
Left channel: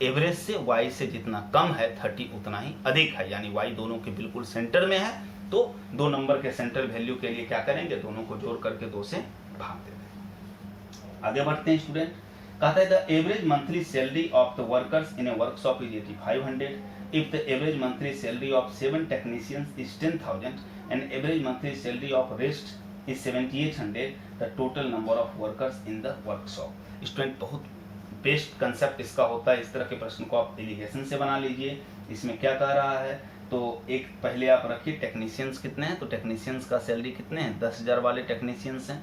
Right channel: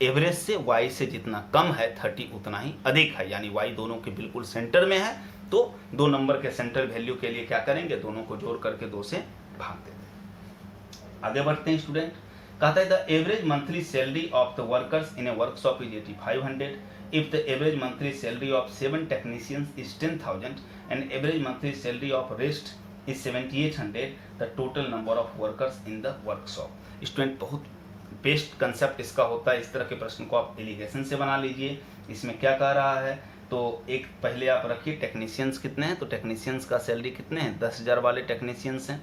एवरेज से y से जितना कम है 30 उतना ही अधिक है। यानी y दोनों के बिल्कुल सेंटर में है। तो दो नंबर के सेंट्रल वैल्यू के लिए क्या करेंगे, दोनों को जोड़ करके 2 से भाग देंगे। आगे बढ़ते हैं स्टूडेंट। कहता है the average monthly salary of the workers in A workshop is 8500 if the average monthly salary of 7 technicians is 10,000 and average monthly salary of rest is 7800, the total number of workers in the workshop. Student बहुत best concept इसका होता है। इस तरह के प्रश्न को आप एलिगेशन से बना लीजिए। इसमें क्या कह रहा है, तो एक पहले आप रखिए टेक्नीशियंस कितने हैं, तो टेक्नीशियंस का सैलरी कितने हैं, 10,000 वाले टेक्नीशियंस हैं,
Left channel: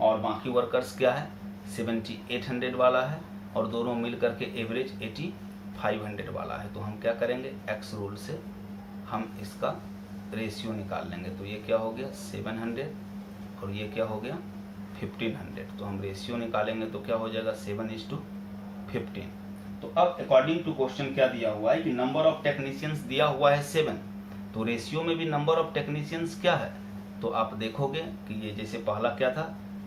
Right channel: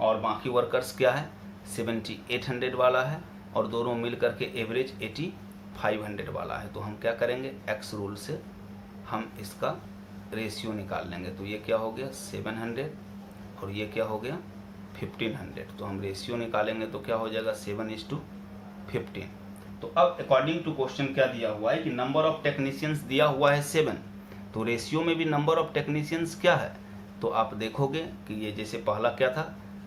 और बाकी वर्कर्स क्या है 7,800 वाला है, और दोनों मिल करके एवरेज 8,500 वाला है। तो हम क्या करेंगे, एक्स रूल से हम इसका रेशियो निकाल लेंगे। तो ये क्या हो गया 700 और ये क्या हो गया 1500। तो हम रेशियो निकालेंगे तो क्या हो जाएगा 7:15। तो अब अकॉर्डिंग टू क्वेश्चन क्या दिया हुआ है कि नंबर ऑफ टेक्नीशियंस दिया हुआ है 7, तो रेशियो में भी नंबर ऑफ टेक्नीशियंस क्या है, तो आप देखोगे कि ये जैसे पहला क्या था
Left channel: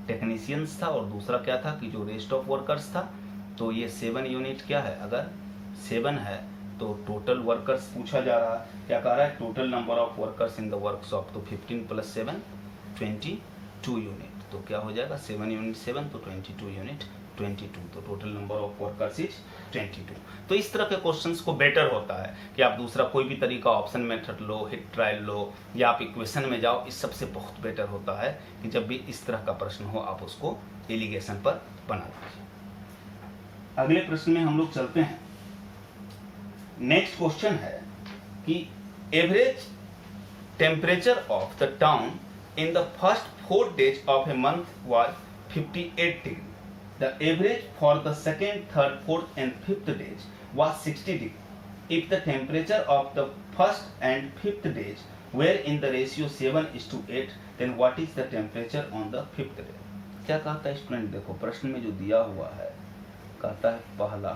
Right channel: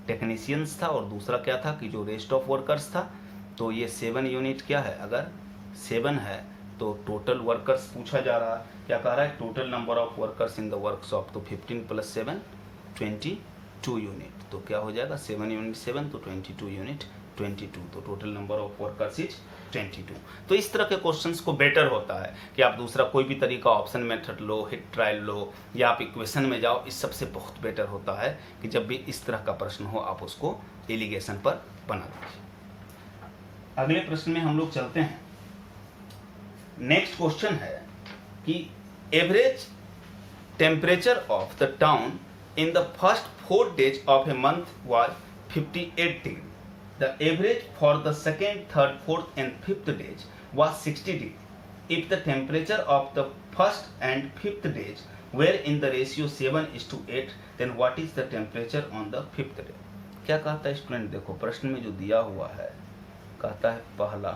टेक्नीशियंस था और दूसरा क्या था कि जो रेस्ट ऑफ वर्कर्स था। तो ये 7 यूनिट क्या है, अगर 7 है तो टोटल वर्कर्स पूछा जा रहा है, क्या कह रहा है total number of workers in the workshop, तो 15 + 7 22 यूनिट। तो क्या हो जाएगा 7 यूनिट 7 तो 22 यूनिट 22, तो total number of workers is 22। तो इस तरह के क्वेश्चंस को बेटर होता है कि आप दूसरा कोई भी तरीका ऑप्शन मेथड लो, हिट ट्रायल लो, या आप इक्वेशन में जाओ। इस सबसे बहुत बेटर होता है कि जब भी इस तरह का प्रश्न हो आप उसको एलिगेशन पर बना दीजिए। अगले प्रश्न में हम लोग चलते हैं। नेक्स्ट क्वेश्चन है कि average temperature of the town in the first 4 days of a month was 58 degree. The average for the second, third, fourth and fifth days was 60 degree. If the temperature of the first and fifth days were in the ratio 7:8, then what is the temperature on the fifth day? क्या कहता है student, देखो प्रश्न में जो दिया हुआ है कहता है पहला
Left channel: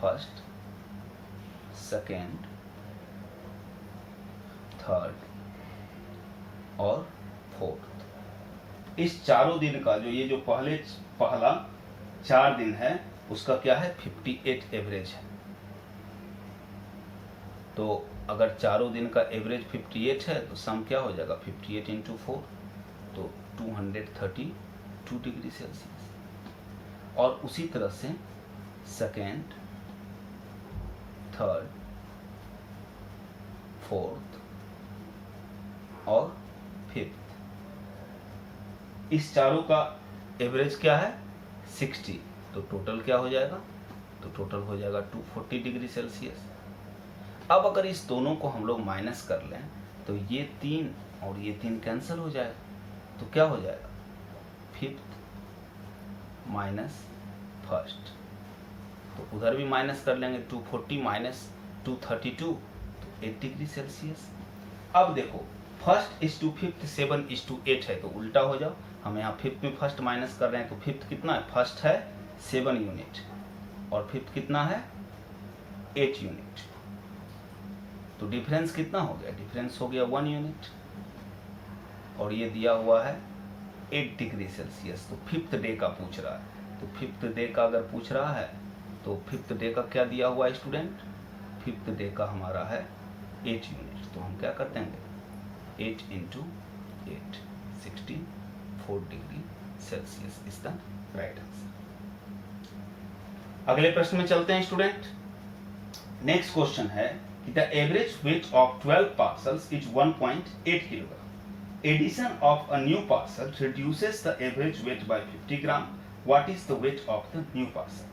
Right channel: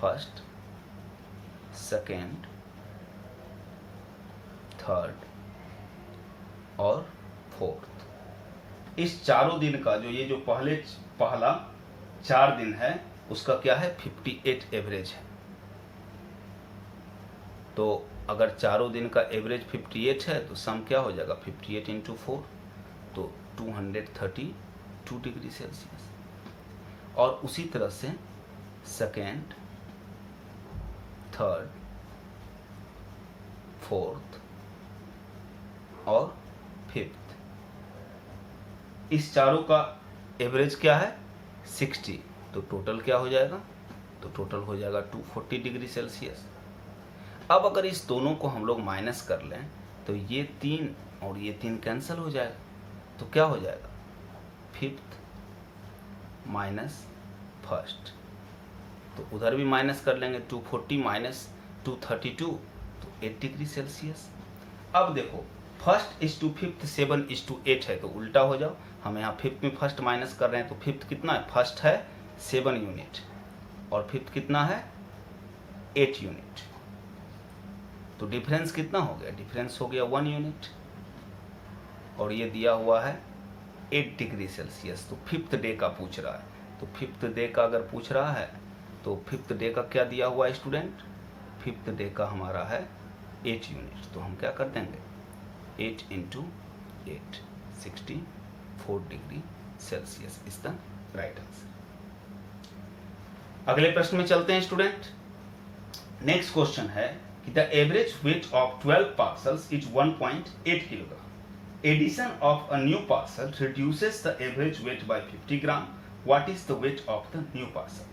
फर्स्ट, सेकेंड, थर्ड और फोर्थ, इस चारों दिन का जो ये जो पहला 4 दिन है उसका क्या है 58 एवरेज है। तो अगर चारों दिन का एवरेज 58 है तो सम क्या हो जाएगा 58 × 4 तो 232 डिग्री सेल्सियस। और उसी तरह से सेकेंड, थर्ड, फोर्थ और फिफ्थ, इस चारों का एवरेज क्या है 60, तो टोटल क्या हो जाएगा, तो टोटल हो जाएगा 240 डिग्री सेल्सियस। अब अगर इस दोनों को हम लोग माइनस कर लें तो ये 3 और ये 3 कैंसिल हो जाएगा, तो क्या हो जाएगा फिफ्थ माइनस फर्स्ट, तो उधर भी माइनस कर लेंगे 240 माइनस 232 तो 8 डिग्री सेल्सियस। अब देखो फर्स्ट इज टू फिफ्थ 7:8 है तो उल्टा हो जाओ, हम यहाँ फिफ्थ में फर्स्ट माइनस कर रहे हैं तो फिफ्थ कितना है, फर्स्ट है 7 यूनिट और फिफ्थ कितना है 8 यूनिट, तो डिफरेंस कितना हो गया, डिफरेंस हो गया 1 यूनिट, और ये दिया हुआ है 8 डिग्री सेल्सियस। तो फिफ्थ डे का पूछ रहा है, तो फिफ्थ डे का अगर पूछ रहा है तो फिफ्थ डे का क्या दिया हुआ है स्टूडेंट, फिफ्थ डे का हमारा है 8 यूनिट, तो हम क्या कर देंगे 8 × 8 64 degree Celsius is the right answer. अगले प्रश्न में चलते हैं स्टूडेंट। नेक्स्ट क्वेश्चन है कि the average weight of 12 parcels is 1.8 kilogram. Addition of a new parcel reduces the average weight by 50 gram. What is the weight of the new parcel.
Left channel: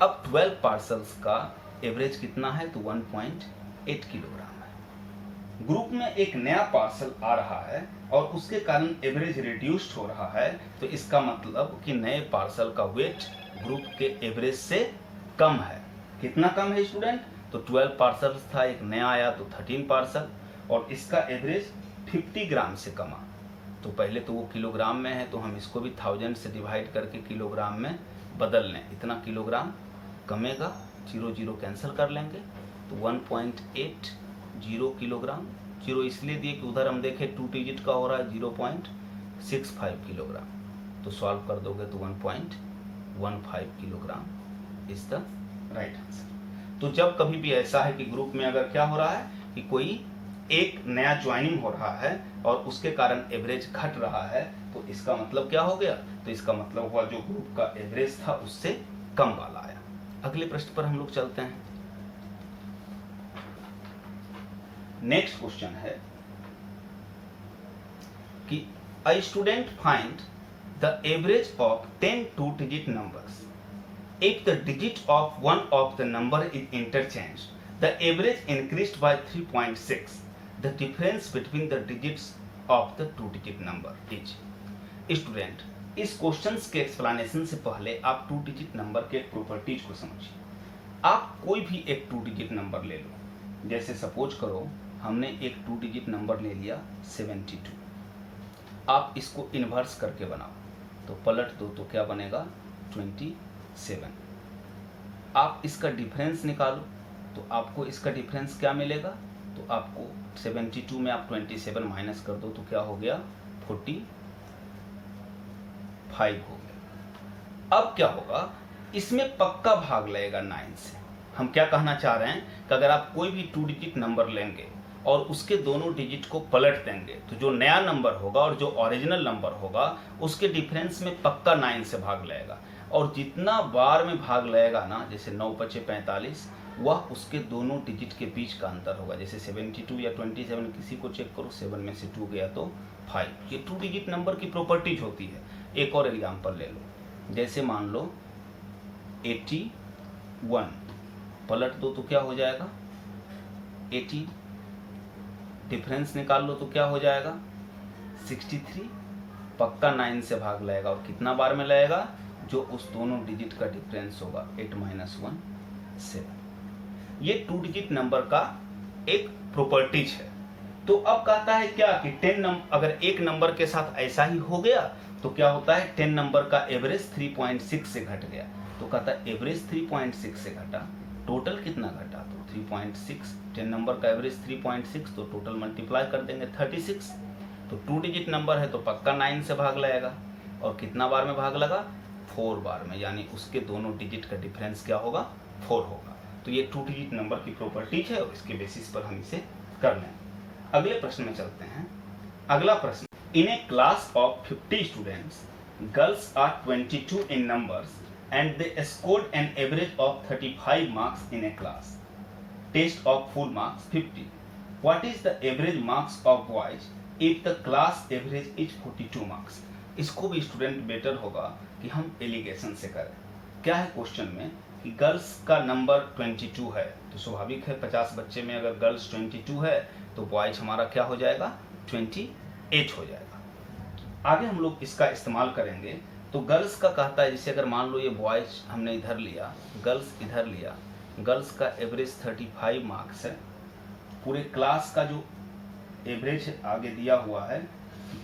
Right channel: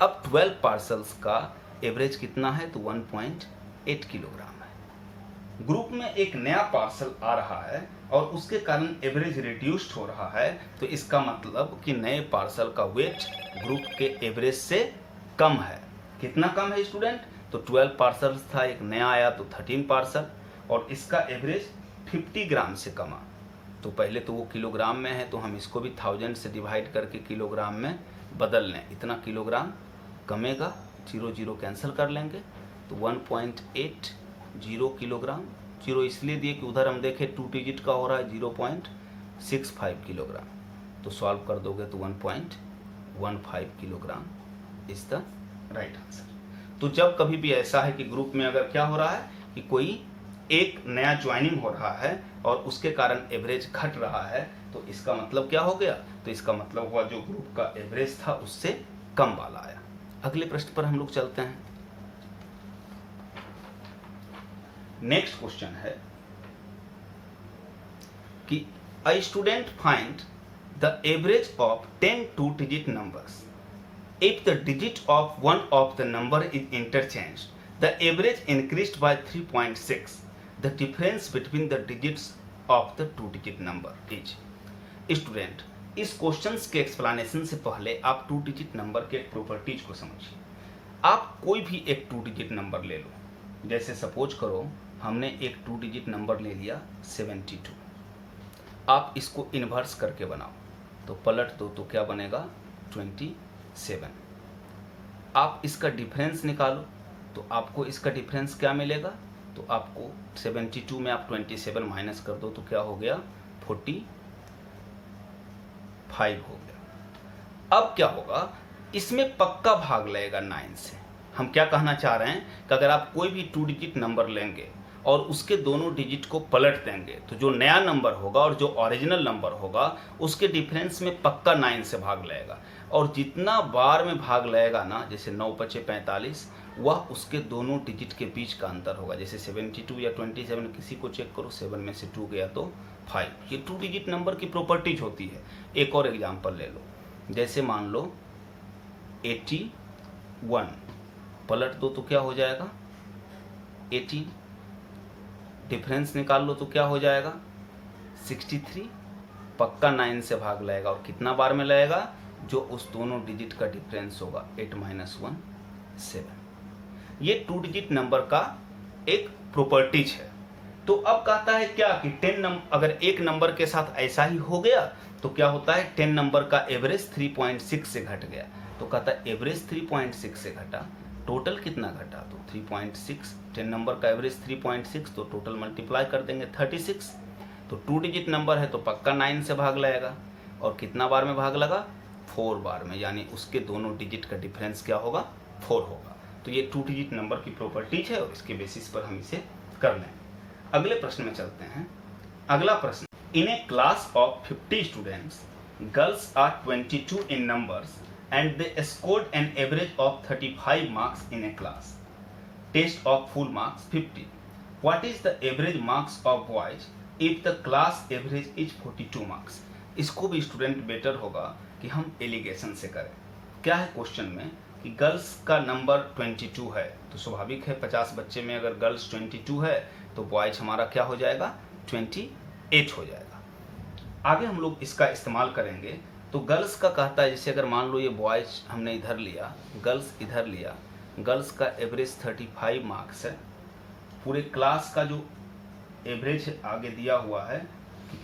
अब 12 parcels का average कितना है, तो 1.8 kilogram है। Group में एक नया पार्सल आ रहा है और उसके कारण एवरेज रिड्यूस्ड हो रहा है, तो इसका मतलब कि नए पार्सल का वेट ग्रुप के एवरेज से कम है। कितना कम है स्टूडेंट, तो 12 पार्सल था, एक नया आया तो 13 पार्सल, और इसका एवरेज 50 ग्राम से कमा। तो पहले तो वो किलोग्राम में है तो हम इसको भी 1000 से डिवाइड करके किलोग्राम में बदल लें, इतना किलोग्राम कमेगा, 0 0 कैंसिल कर लेंगे, तो 1.80 किलोग्राम। 0 इसलिए दिए कि उधर हम देखें 2 डिजिट का हो रहा है 0.65 किलोग्राम, तो सॉल्व कर दोगे तो 1.15 kilogram is the right answer. तो जब कभी भी ऐसा है कि ग्रुप में अगर क्या हो रहा है कि कोई एक नया ज्वाइनिंग हो रहा है और उसके कारण एवरेज घट रहा है, तो इसका मतलब क्या हो गया, तो इसका मतलब हुआ जो ग्रुप का एवरेज था उससे कम वाला आया। अगले प्रश्न पर हम लोग चलते हैं। नेक्स्ट क्वेश्चन है कि a student find the average of 10 two-digit numbers. If the digit of one of the number is interchanged, the average increased by 3.6. The difference between the digits of the two-digit number is. Student, इस questions के explanation से पहले आप two digit number के properties को समझिए। आप कोई भी एक टू डिजिट नंबर ले लो, जैसे सपोज करो हमने एक टू डिजिट नंबर ले लिया 72। आप इसको इन्वर्स करके बनाओ, तो पलट दो तो क्या बनेगा 27। आप इसका डिफरेंस निकालो तो आपको इसका डिफरेंस क्या मिलेगा, तो आपको 72 में आप 27 माइनस कर दो तो क्या हो गया 45 हो गया। अब क्या होगा, इसमें पक्का भाग लगेगा 9 से। हम क्या कहना चाह रहे हैं कि अगर आप कोई भी टू डिजिट नंबर लेंगे और उसके दोनों डिजिट को पलट देंगे तो जो नया नंबर होगा और जो ओरिजिनल नंबर होगा उसके डिफरेंस में पक्का 9 से भाग लगेगा। और जितना बार में भाग लगेगा ना, जैसे 9 × 5 = 45, वह उसके दोनों डिजिट के बीच का अंतर होगा। जैसे 72 या 27 किसी को चेक करो, 7 में से 2 गया तो 5। ये टू डिजिट नंबर की प्रॉपर्टीज होती है। एक और एग्जांपल ले लो, जैसे मान लो 81, पलट दो तो क्या हो जाएगा 80, डिफरेंस निकाल लो तो क्या हो जाएगा 63, पक्का 9 से भाग लगेगा। और कितना बार में लगेगा, जो उस दोनों डिजिट का डिफरेंस होगा 8 - 1 7। ये टू डिजिट नंबर का एक प्रॉपर्टीज है। तो अब कहता है क्या कि 10 अगर एक नंबर के साथ ऐसा ही हो गया तो क्या होता है 10 नंबर का एवरेज 3.6 से घट गया। तो कहता है एवरेज 3.6 से घटा, टोटल कितना घटा, तो 3.6। 10 नंबर का एवरेज 3.6, तो टोटल मल्टीप्लाई कर देंगे 36। तो टू डिजिट नंबर है तो पक्का 9 से भाग लगेगा। और कितना बार में भाग लगा 4 बार में, यानी उसके दोनों डिजिट का डिफरेंस क्या होगा 4 होगा। तो ये टू डिजिट नंबर की प्रॉपर्टीज है और इसके बेसिस पर हम इसे कर लें। अगले प्रश्न में चलते हैं। अगला प्रश्न, in a class of 50 students, girls are 22 in numbers and they scored an average of 35 marks in a class test of full marks 50. What is the average marks of boys if the class average is 42 marks? इसको भी student better होगा कि हम allegation से करें। क्या है question में कि गर्ल्स का नंबर 22 है, तो स्वाभाविक है 50 बच्चे में अगर गर्ल्स 22 है तो बॉयज हमारा क्या हो जाएगा 28 हो जाएगा। आगे हम लोग इसका इस्तेमाल करेंगे। तो गर्ल्स का कहता है, जैसे अगर मान लो ये बॉयज हमने इधर लिया, गर्ल्स इधर लिया, गर्ल्स का एवरेज 35 मार्क्स है। पूरे क्लास का जो एवरेज आगे दिया हुआ है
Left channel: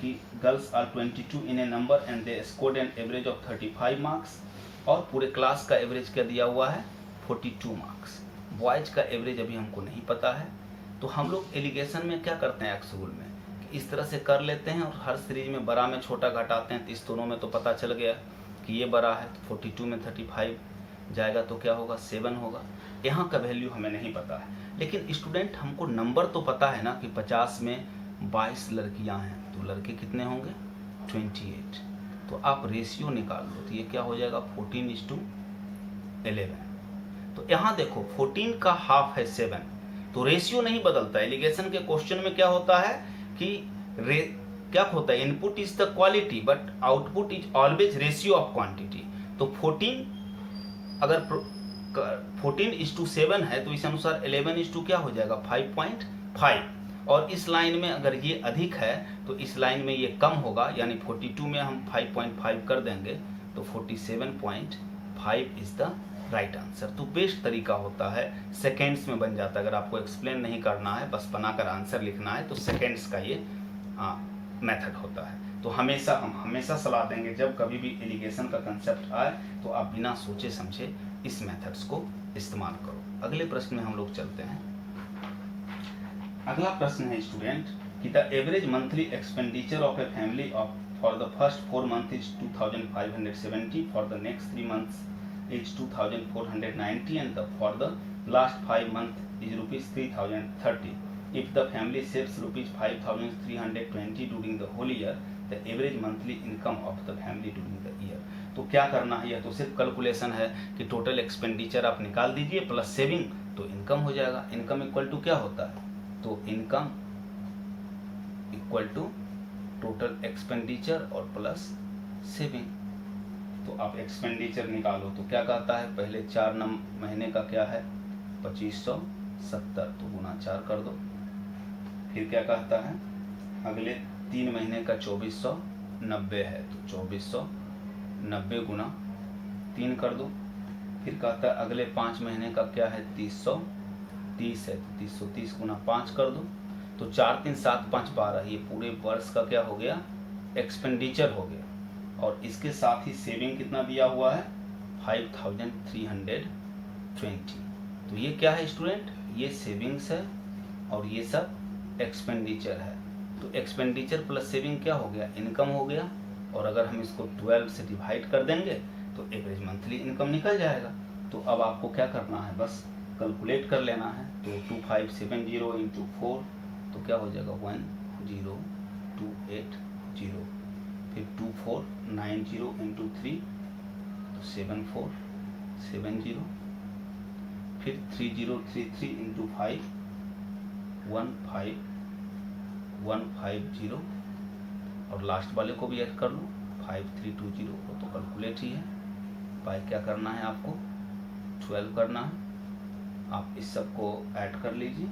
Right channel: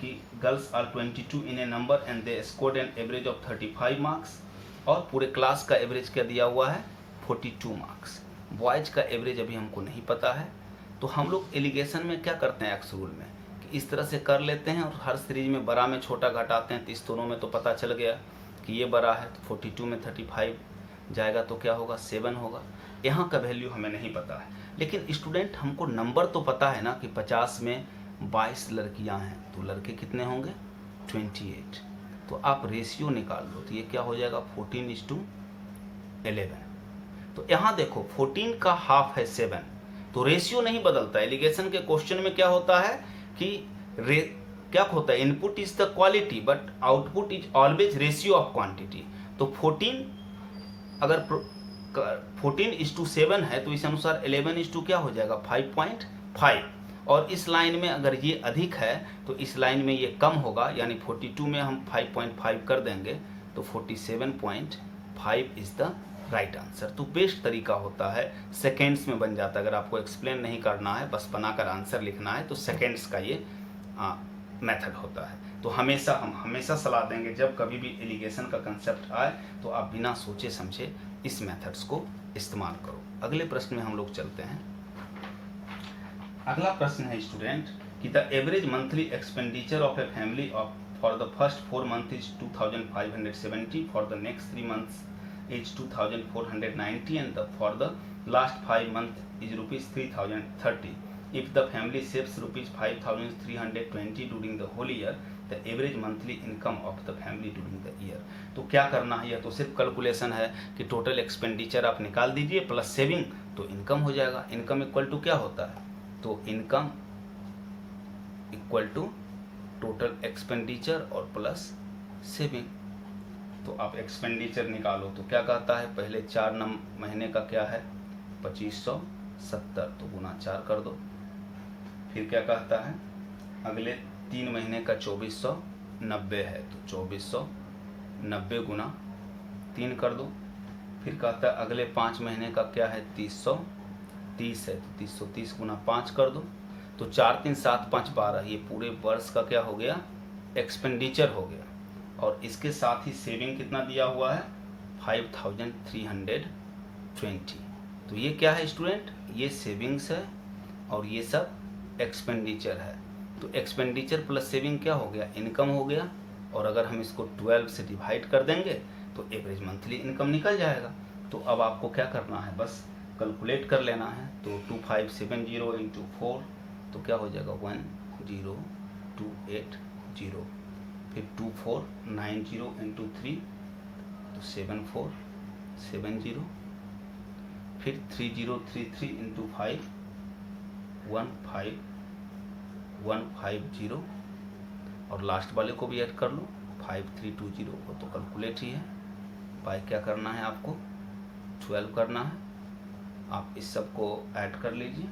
कि girls are 22 in a number and they scored an average of 35 marks, और पूरे क्लास का एवरेज क्या दिया हुआ है 42 मार्क्स। बॉयज का एवरेज अभी हमको नहीं पता है, तो हम लोग एलिगेशन में क्या करते हैं एक्स रूल में इस तरह से कर लेते हैं और हर सीरीज में बड़ा में छोटा घटाते हैं। तो इस दोनों में तो पता चल गया कि ये बड़ा है, तो 42 में 35 जाएगा तो क्या होगा 7 होगा। यहाँ का वैल्यू हमें नहीं पता है, लेकिन स्टूडेंट हमको नंबर तो पता है ना कि 50 में 22 लड़कियाँ हैं, तो लड़के कितने होंगे 28। तो आप रेशियो निकाल लो तो ये क्या हो जाएगा 14:11। तो यहाँ देखो 14 का हाफ है 7, तो रेशियो नहीं बदलता। एलिगेशन के क्वेश्चन में क्या होता है कि क्या होता है, input is the quality but output is always ratio of quantity. तो 14 अगर 14:7 है तो इस अनुसार 11 क्या हो जाएगा 5.5। और इस लाइन में अगर ये अधिक है तो इस लाइन में ये कम होगा, यानी 42 में हम 5.5 कर देंगे तो 47.5 इज द राइट आंसर। तो बेस्ट तरीका होता है, सेकेंड्स में बन जाता है। अगर आपको एक्सप्लेन नहीं करना है, बस बनाकर आंसर लिखना है, तो सेकेंड्स का ये मेथड होता है। तो हम हमेशा सलाह देंगे जब कभी भी एलिगेशन का कंसेप्ट आए तो आप बिना सोचे समझे इस मेथड्स को इस्तेमाल करो। अगले प्रश्न में हम लोग चलते हैं। अगला प्रश्न है स्टूडेंट कि the average monthly expenditure of a family for the first 4 months is 2570, for the next 3 months is 2490, and for the last 5 months is rupees 3030. If the family saves rupees 5320 during the whole year, the average monthly income of the family during the year. तो क्या करना है, यह तो सिर्फ calculation है कि total expenditure आप निकाल दीजिए प्लस सेविंग तो इनकम हो जाएगा। इनकम इक्वल टू क्या होता है, तो income equal to total expenditure और प्लस सेविंग। तो आप एक्सपेंडिचर निकालो तो क्या कहता है, पहले 4 महीने का क्या है 2570, तो गुना 4 कर दो। फिर क्या कहता है, अगले 3 महीने का 2490 है, तो 2490 गुना 3 कर दो। फिर कहता है अगले 5 महीने का क्या है 330 है, तो 330 गुना 5 कर दो। तो 4 3 7 5 12, ये पूरे वर्ष का क्या हो गया एक्सपेंडिचर हो गया। और इसके साथ ही सेविंग कितना दिया हुआ है 5320। तो ये क्या है स्टूडेंट, ये सेविंग्स है और ये सब एक्सपेंडिचर है। तो एक्सपेंडिचर प्लस सेविंग क्या हो गया, इनकम हो गया। और अगर हम इसको 12 से डिवाइड कर देंगे तो एवरेज मंथली इनकम निकल जाएगा। तो अब आपको क्या करना है, बस कैलकुलेट कर लेना है। तो 2570 इंटू 4 तो क्या हो जाएगा 10280। फिर 2490 इंटू 3 तो 7470। फिर 3033 इंटू 5 15150। और लास्ट वाले को भी ऐड कर लो 5320 को, तो कैलकुलेट ही है। बाय क्या करना है आपको 12 करना है। आप इस सब को ऐड कर लीजिए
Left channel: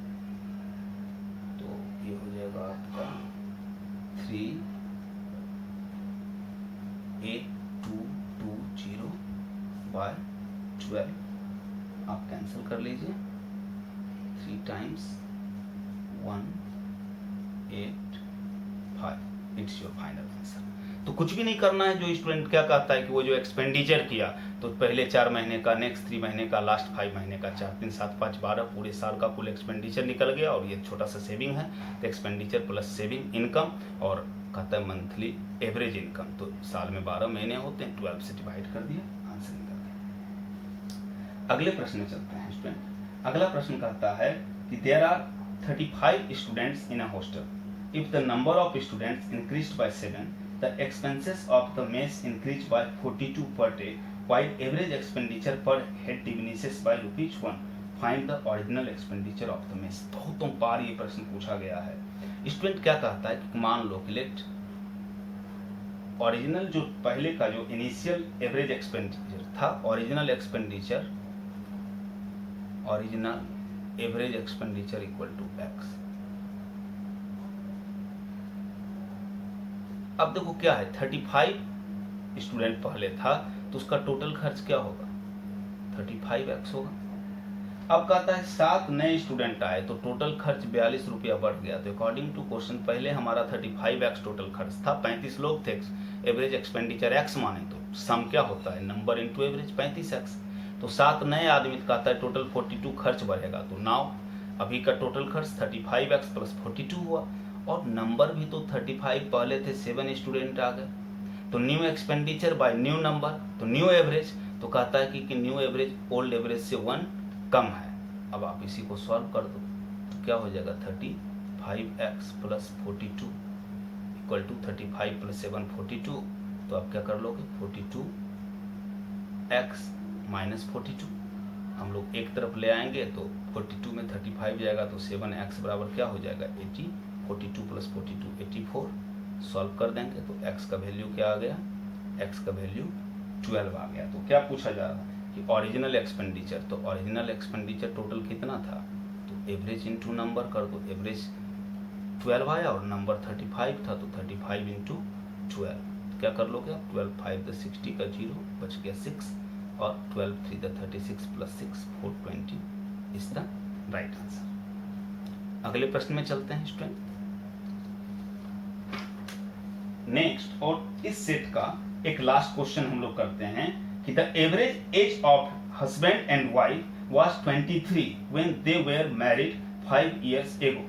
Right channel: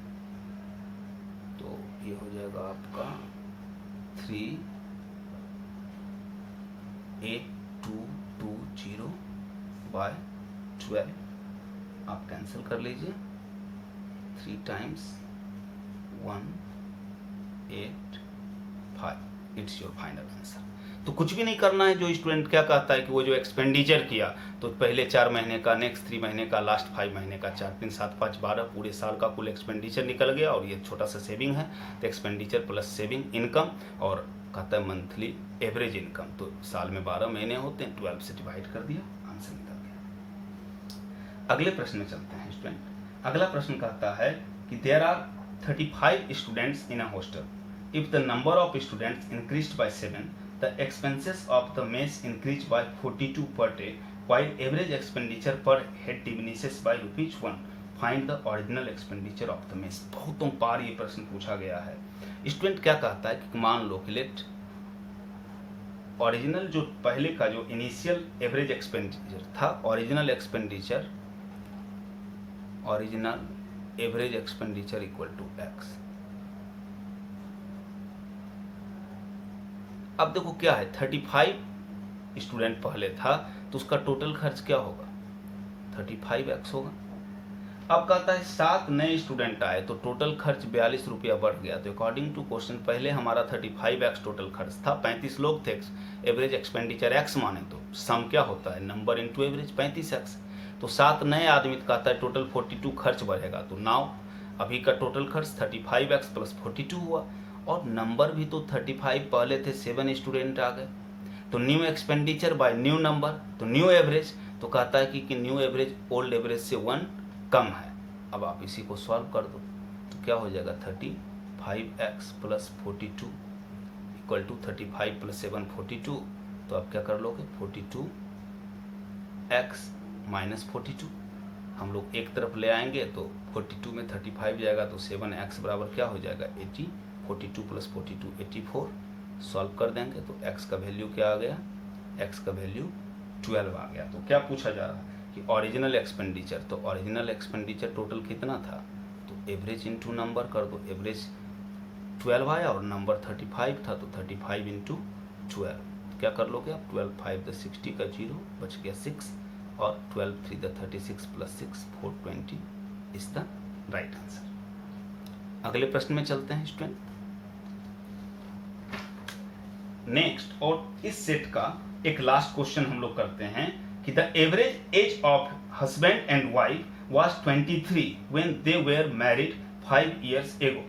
तो ये हो जाएगा आपका 38220 बाय 12। आप कैंसिल कर लीजिए, 3 times 185, it's your final answer. तो कुछ भी नहीं करना है। जो स्टूडेंट क्या कहता है कि वो जो एक्सपेंडिचर किया तो पहले 4 महीने का, नेक्स्ट 3 महीने का, लास्ट 5 महीने का, 4 3 7 5 12 पूरे साल का कुल एक्सपेंडिचर निकल गया। और ये छोटा सा सेविंग है, तो एक्सपेंडिचर प्लस सेविंग इनकम, और कहता है मंथली एवरेज इनकम। तो साल में 12 महीने होते हैं, 12 से डिवाइड कर दिया, आंसर निकल गया। अगले प्रश्न में चलते हैं स्टूडेंट। अगला प्रश्न कहता है कि there are 35 students in a hostel. If the number of students increased by 7, the expenses of the mess increase by 42 per day, while average expenditure per head diminishes by ₹1. Find the original expenditure of the mess। बहुतों बार ये प्रश्न पूछा गया है। Student क्या कहता है कि मान लो कि लेट ओरिजिनल जो पहले का जो इनिशियल एवरेज एक्सपेंडिचर था, original average expenditure equal to x। अब देखो क्या है, 35 स्टूडेंट पहले था तो उसका टोटल खर्च क्या होगा 35x होगा। अब कहता है 7 नए स्टूडेंट आए तो टोटल खर्च 42 रुपया बढ़ गया। तो अकॉर्डिंग टू क्वेश्चन पहले हमारा 35x टोटल खर्च था, 35 लोग थे, एवरेज एक्सपेंडिचर x माने तो सम क्या होता है नंबर इंटू एवरेज 35x। तो 7 नए आदमी कहता है टोटल 42 खर्च बढ़ेगा। तो नाउ अभी का टोटल खर्च 35x प्लस 42 हुआ, और नंबर भी तो 35 पहले थे, 7 स्टूडेंट आ गए। तो new expenditure bye new number, तो न्यू एवरेज, तो कहता है कि न्यू एवरेज ओल्ड एवरेज से 1 कम है। अब आप इसी को सॉल्व कर दो तो क्या हो जाएगा 35x plus 42 equal to 35 plus 7 42। तो आप क्या कर लोगे 42x माइनस 42, हम लोग एक तरफ ले आएंगे तो 42 में 35 जाएगा तो 7x बराबर क्या हो जाएगा 80। 42 प्लस 42 84। सॉल्व कर देंगे तो x का वैल्यू क्या आ गया, x का वैल्यू 12 आ गया। तो क्या पूछा जा रहा है कि ओरिजिनल एक्सपेंडिचर, तो ओरिजिनल एक्सपेंडिचर टोटल कितना था, तो एवरेज इंटू नंबर कर दो। एवरेज 12 आया और नंबर 35 था तो 35 इंटू 12 क्या कर लोगे आप, 12 5 द 60 का 0 बच गया 6, और 12 3 the 36 plus 6 420 is the right answer. अगले प्रश्न में चलते हैं स्टूडेंट। नेक्स्ट, और इस सेट का एक लास्ट क्वेश्चन हम लोग करते हैं कि the average age of husband and wife was 23 when they were married 5 years ago.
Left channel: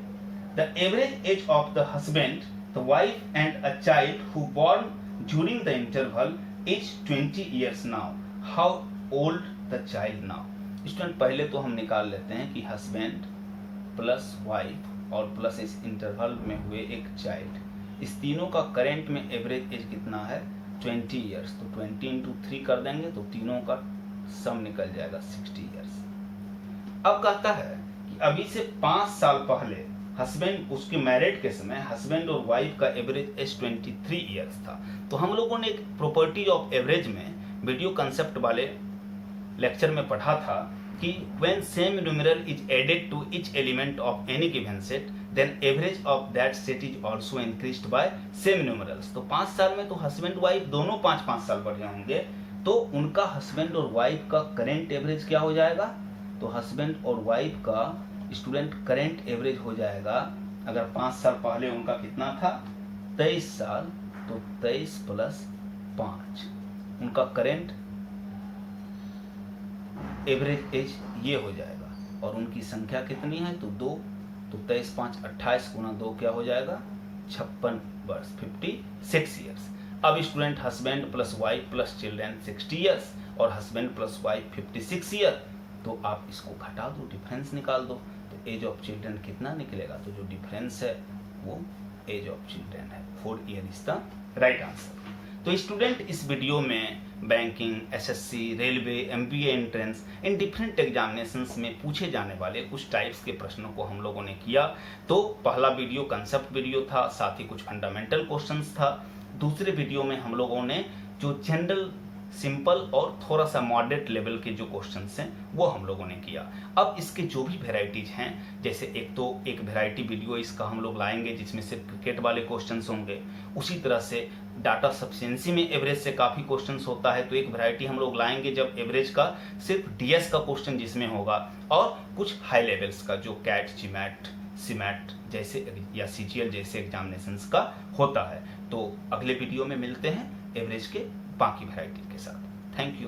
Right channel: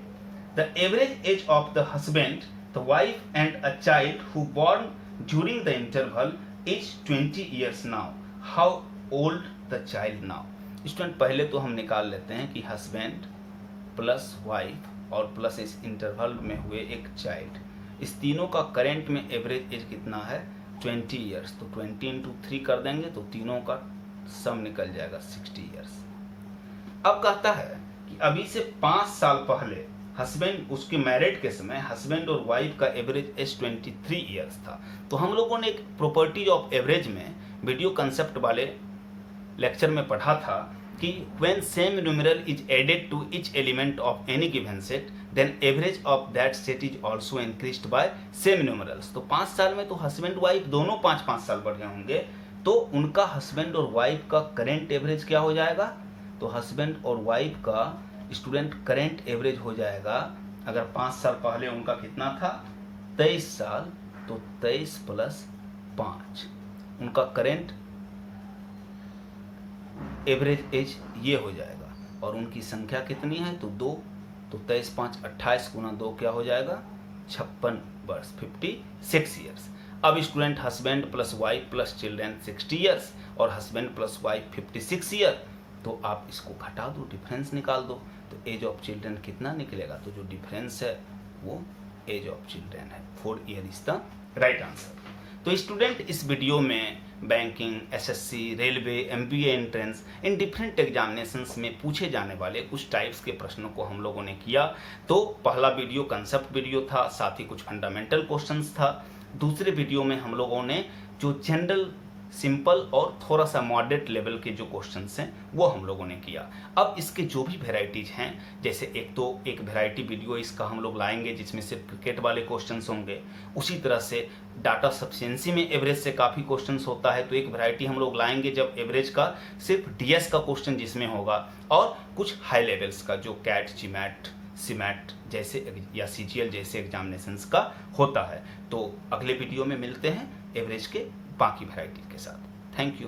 The average age of the husband, the wife and a child who born during the interval is 20 years now. How old the child now? Student पहले तो हम निकाल लेते हैं कि husband plus wife और plus इस interval में हुए एक चाइल्ड, इस तीनों का करेंट में एवरेज एज कितना है 20 ईयर्स। तो 20 इंटू 3 कर देंगे तो तीनों का सम निकल जाएगा 60 ईयर्स। अब कहता है कि अभी से 5 साल पहले हस्बैंड उसके मैरिड के समय हस्बैंड और वाइफ का एवरेज एज 23 ईयर्स था। तो हम लोगों ने एक प्रॉपर्टी ऑफ एवरेज में वीडियो कंसेप्ट वाले लेक्चर में पढ़ा था कि when same numeral is added to each element of any given set then average of that set is also increased by same numerals। तो 5 साल में तो हस्बैंड वाइफ दोनों 5-5 साल बढ़े होंगे, तो उनका हस्बैंड और वाइफ का करेंट एवरेज क्या हो जाएगा? तो हस्बैंड और वाइफ का स्टूडेंट करेंट एवरेज हो जाएगा, अगर 5 साल पहले उनका कितना था 23 साल, तो 23 + 5 उनका करेंट एवरेज एज ये हो जाएगा। और उनकी संख्या कितनी है? तो 2, तो 23 × 5 = 28 × 2 क्या हो जाएगा? 56 वर्ष, 56 ईयर्स। अब student husband plus wife plus children 60 years और हस्बैंड प्लस वाइफ 56 ईयर, तो आप इसको घटा दो, डिफरेंस निकाल दो, तो एज ऑफ चिल्ड्रेन कितना निकलेगा? तो जो डिफरेंस है वो एज ऑफ चिल्ड्रेन है। 4 year is the right answer. तो स्टूडेंट इस वीडियो में banking, SSC, railway, MBA entrance in different examinations में पूछे जाने वाले कुछ टाइप्स के प्रश्नों को हम लोगों ने किया। तो पहला वीडियो कंसेप्ट वीडियो था, साथ ही कुछ फंडामेंटल क्वेश्चंस था। दूसरे वीडियो में हम लोगों ने जो जनरल, सिंपल और थोड़ा सा मॉडरेट लेवल के जो क्वेश्चंस हैं वो हम लोगों ने किया। अब इसके जो भी वेराइटीज हैं, जैसे एक वेराइटी वीडियो इसका हम लोग लाएंगे जिसमें सिर्फ क्रिकेट वाले क्वेश्चंस होंगे। उसी तरह से डाटा सफिशिएंसी में एवरेज से काफ़ी क्वेश्चंस होता है, तो एक वैरायटी हम लोग लाएंगे जब एवरेज का सिर्फ डीएस का क्वेश्चन जिसमें होगा, और कुछ हाई लेवल्स का जो कैट, जीमैट, सीमैट जैसे या सीजीएल जैसे एग्जामिनेशंस का होता है। तो अगले वीडियो में मिलते हैं एवरेज के बाकी वैरायटी के साथ। Thank you.